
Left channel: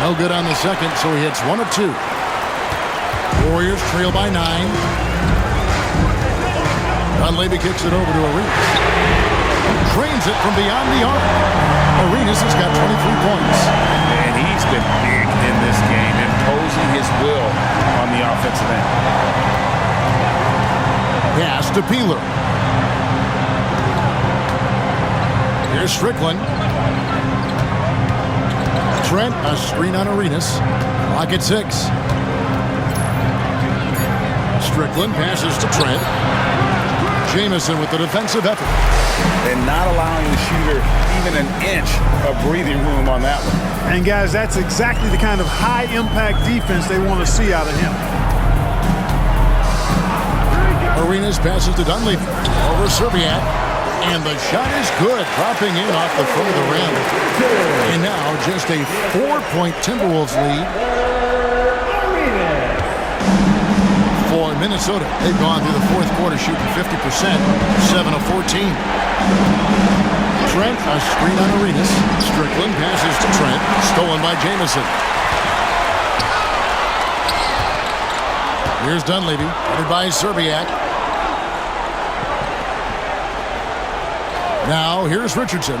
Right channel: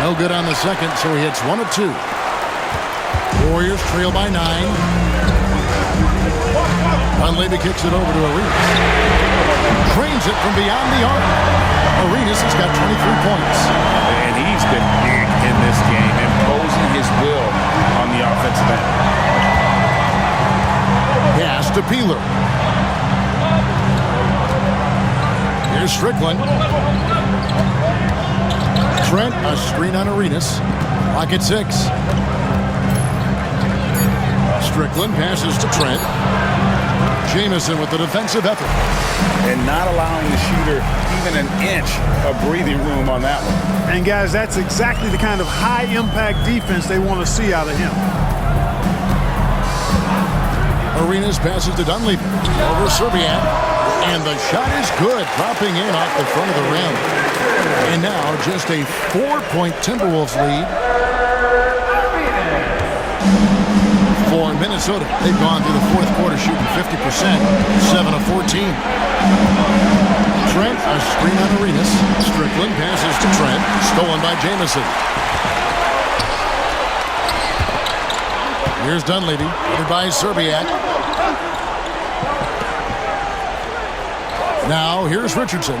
No good on the second, so he hits 1 of 2. Warriors trail by 9. Dunleavy kicks it over to Arenas. Drains it from beyond the arc. Arenas has got 23 points. And he's been big in this game, imposing his will on the offensive end. Pass to Peeler. Here's Strickland. Trent, a screen on Arenas. Clock at 6. Strickland passes to Trent. Jamison with the defensive effort. And not allowing the shooter even an inch of breathing room on that one. And guys, that's exactly the kind of high-impact defense they want to see out of him. Arenas passes to Dunleavy. Over Serbiak. And the shot is good, dropping in off the front of the rim. And now just a 4-point Timberwolves lead for Minnesota. They've gone through the fourth quarter shooting 50%, 7 of 14. Trent, a screen on Arenas. Strickland passes to Trent, stolen by Jamison. Here's Dunleavy, headed by Serbiak. Now here's Richardson.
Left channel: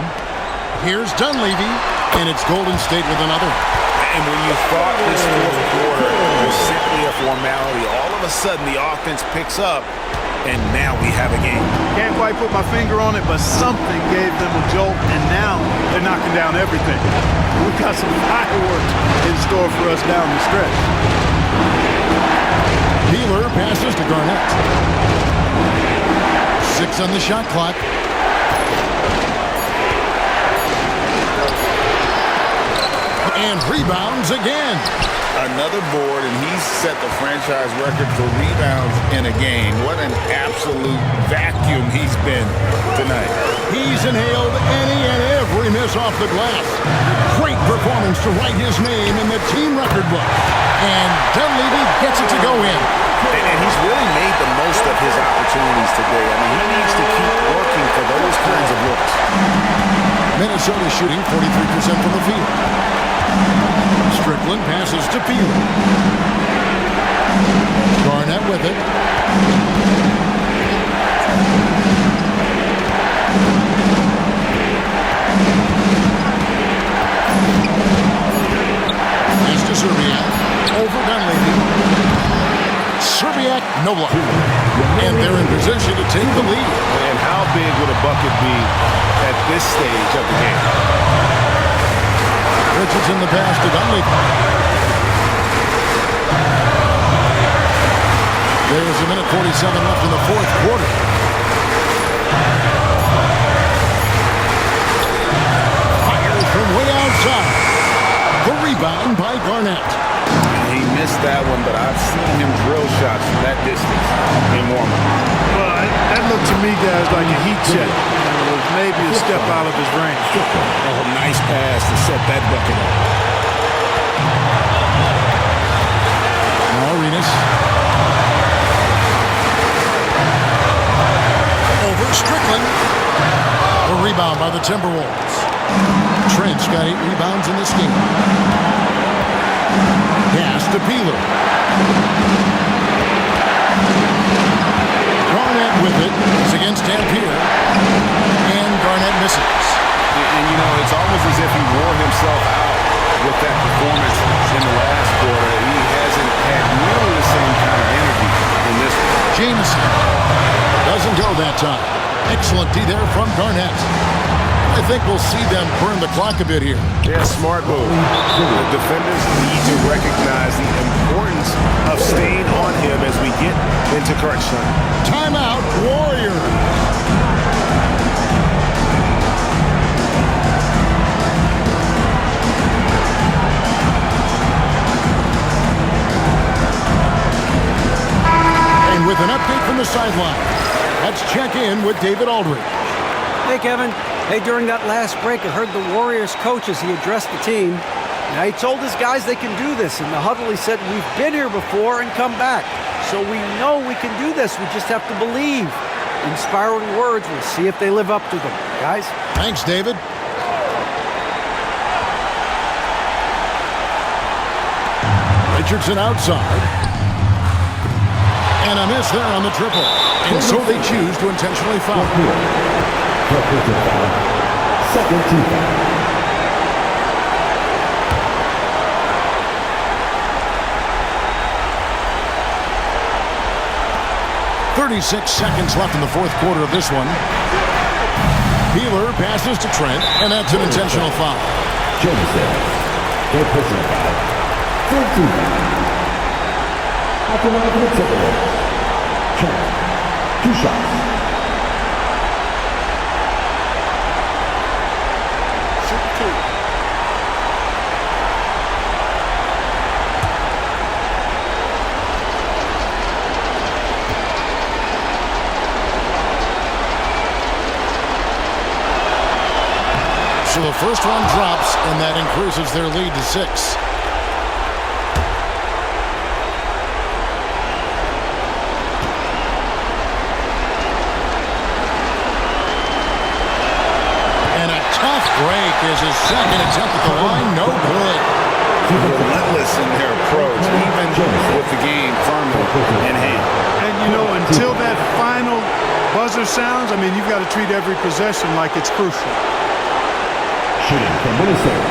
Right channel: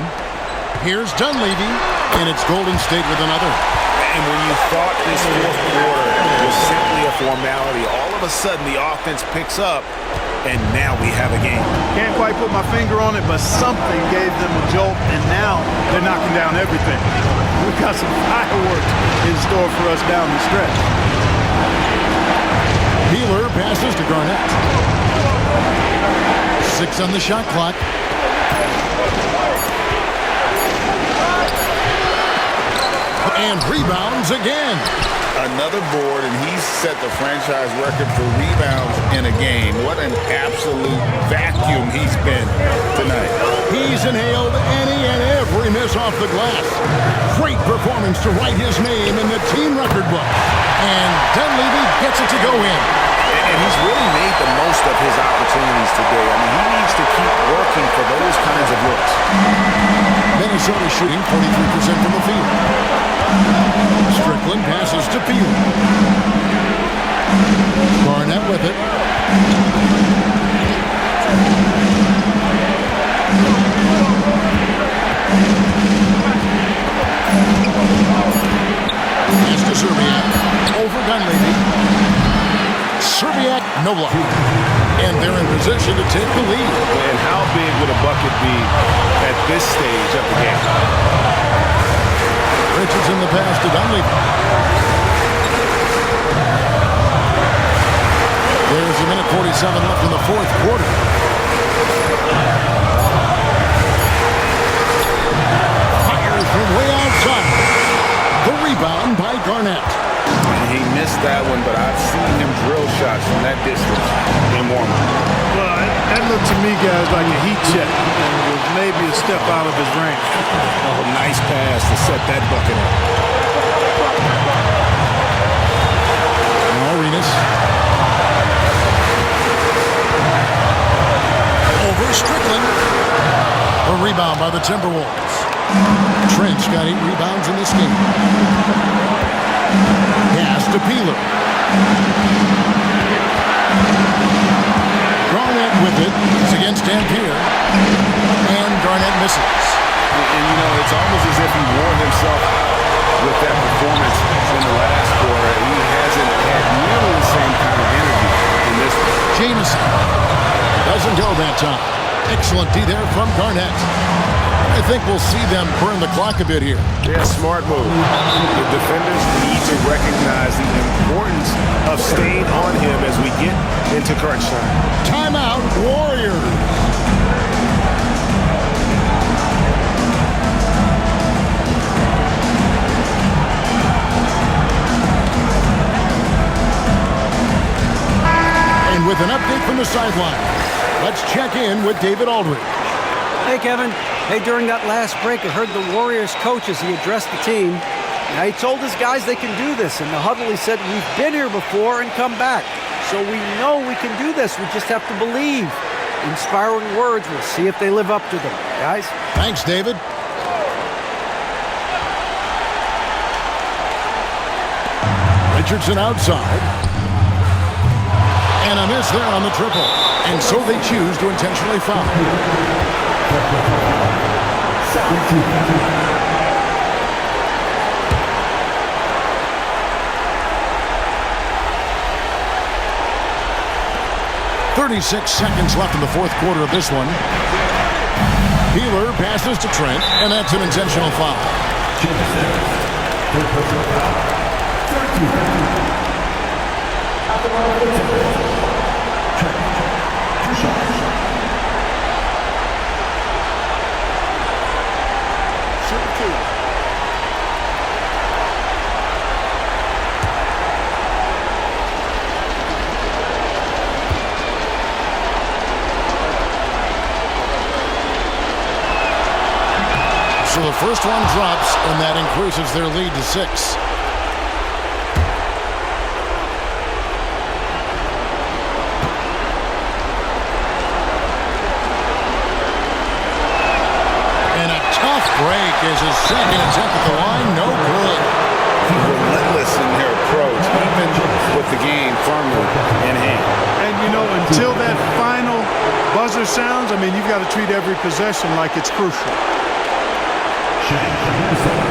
Here's Dunleavy, and it's Golden State with another. And when you thought this fourth quarter was simply a formality, all of a sudden the offense picks up, and now we have a game. Can't quite put my finger on it, but something gave them a jolt, and now they're knocking down everything. We've got some fireworks in store for us down the stretch. Peeler passes to Garnett. 6 on the shot clock. And rebounds again. Another board, and he's set the franchise record for rebounds in a game. What an absolute vacuum he's been tonight. He's inhaled any and every miss off the glass. Great performance to write his name in the team record book. And Dunleavy gets it to go in. And he's really made the most of his opportunities today. I mean, he needs to keep working for those kinds of looks. Minnesota shooting 43% from the field. Strickland passes to Peeler. Garnett with it. Pass to Serbiak. Over Dunleavy. Serbiak, no luck. And they're in position to take the lead. And how big would a bucket be at this stage of the game? Richardson the pass to Dunleavy. There's a minute 47 left in the fourth quarter. Fires from way outside. The rebound by Garnett. He missed that one, but I've seen him drill shots from that distance in warm-up. Well, that looked to me, guys, like a heat check. And it was maybe a step out of his range. Oh, nice pass to set that bucket up. Now Arenas. Over Strickland. A rebound by the Timberwolves. Trent's got 8 rebounds in this game. Pass to Peeler. Garnett with it. It's against Dampier. And Garnett misses. And, you know, it's almost as if he wore himself out with that performance in the last quarter. He hasn't had nearly the same kind of energy in this one. Jamison doesn't go that time. Excellent D there from Garnett. I think we'll see them burn the clock a bit here. Yeah, smart move. The defenders need to recognize the importance of staying on him as we get into crunch time. Timeout, Warriors. And with an update from the sideline, let's check in with David Aldridge. Hey, Kevin. Hey, during that last break, I heard the Warriors coach as he addressed the team. Now, he told his guys they can do this. In the huddle, he said, we've been here before and come back. So we know we can do this. We just have to believe. Inspiring words. We'll see if they live up to them. Guys? Thanks, David. Richardson outside. And a miss there on the triple. And so they choose to intentionally foul. Second team foul. 36 seconds left in the fourth quarter of this one. Peeler passes to Trent, and that's an intentional foul. Jamison. Third personal foul. Third team foul. At the line for the Timberwolves. Trent. 2 shots. Shoot 2. So the first one drops, and that increases their lead to 6. And a tough break is his second attempt at the line. No good. Relentless in their approach, even with the game firmly in hand. And, you know, until that final buzzer sounds, I mean, you've got to treat every possession like it's crucial. Shooting from Minnesota.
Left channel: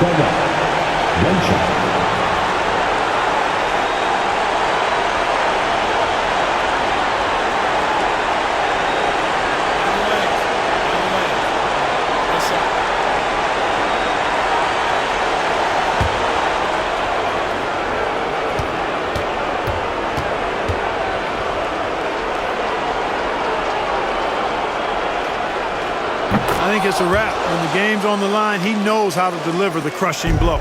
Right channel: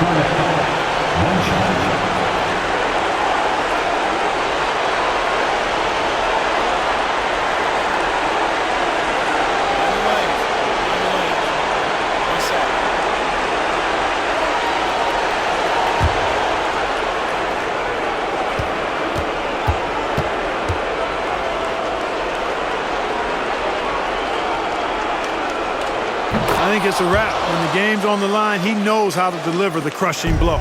Garnett. One shot. I think it's a wrap. When the game's on the line, he knows how to deliver the crushing blow.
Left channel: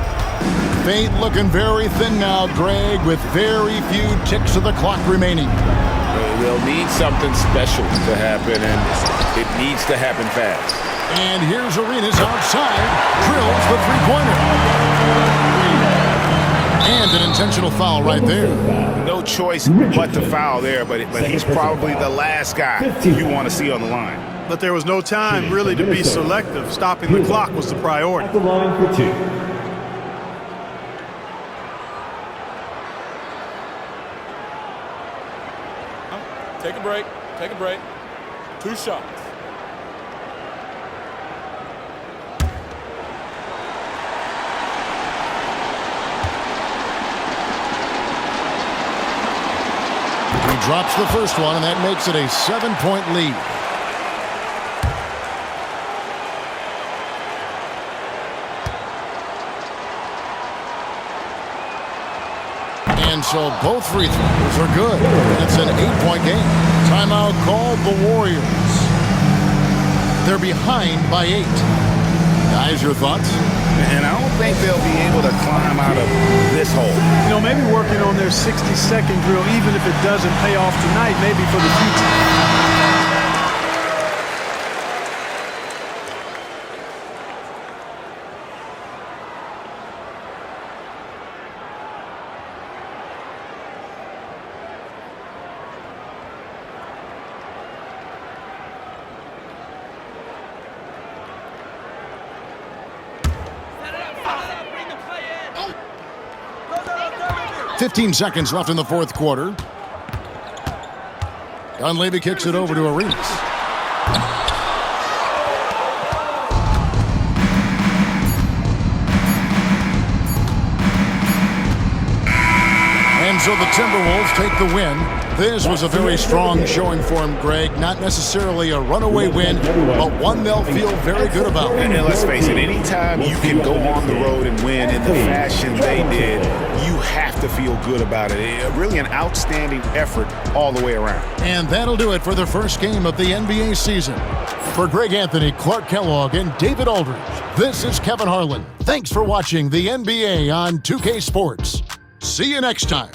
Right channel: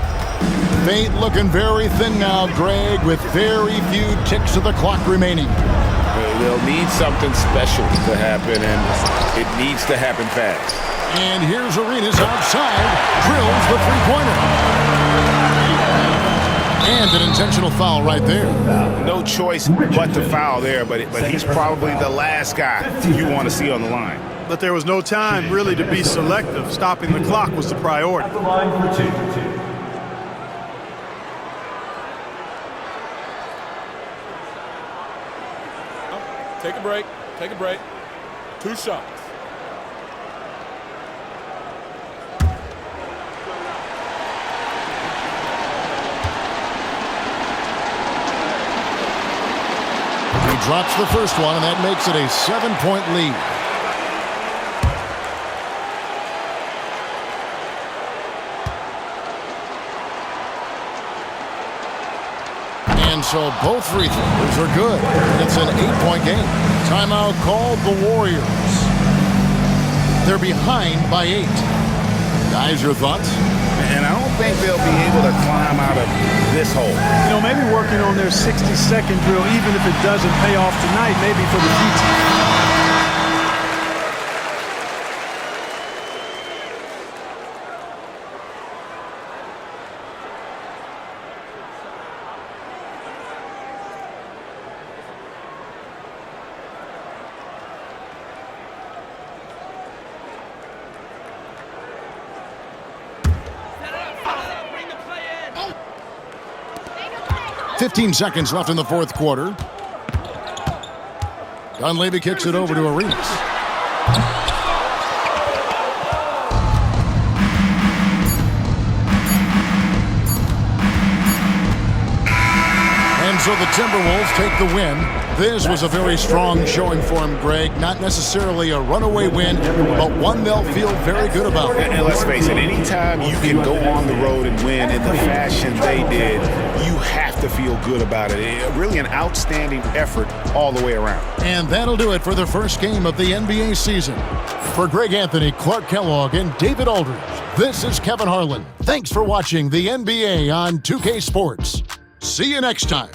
Fate looking very thin now, Greg, with very few ticks of the clock remaining. They'll need something special to happen, and it needs to happen fast. And here's Arenas outside, drills the three-pointer. And an intentional foul right there. No choice but to foul there, but he's probably the last guy you want to see on the line. But there was no time really to be selective. Stopping the clock was the priority. At the line for 2. Take a break. Take a break. 2 shots. He drops the first one, and that makes it a 7-point lead. And so both free throws are good. It's an 8-point game. Timeout called the Warriors. They're behind by 8. Guys, your thoughts? And I don't think they'll be able to climb out of this hole. You know, maybe working on their 60-second drill, even if it doesn't pay off tonight, maybe for the future. Bring the play in. 15 seconds left in the fourth quarter. Dunleavy kicks it over to Arenas. And so the Timberwolves take the win. This was a very strong showing for him, Greg. Not necessarily a runaway win, but one they'll feel very good about. And let's face it, anytime you can go on the road and win in the fashion they did, you have to feel good about it. Really an outstanding effort all the way around. And that'll do it for the first game of the NBA season. For Greg Anthony, Clark Kellogg, and David Aldridge, this is Kevin Harlan. Thanks for watching the NBA on 2K Sports. See you next time.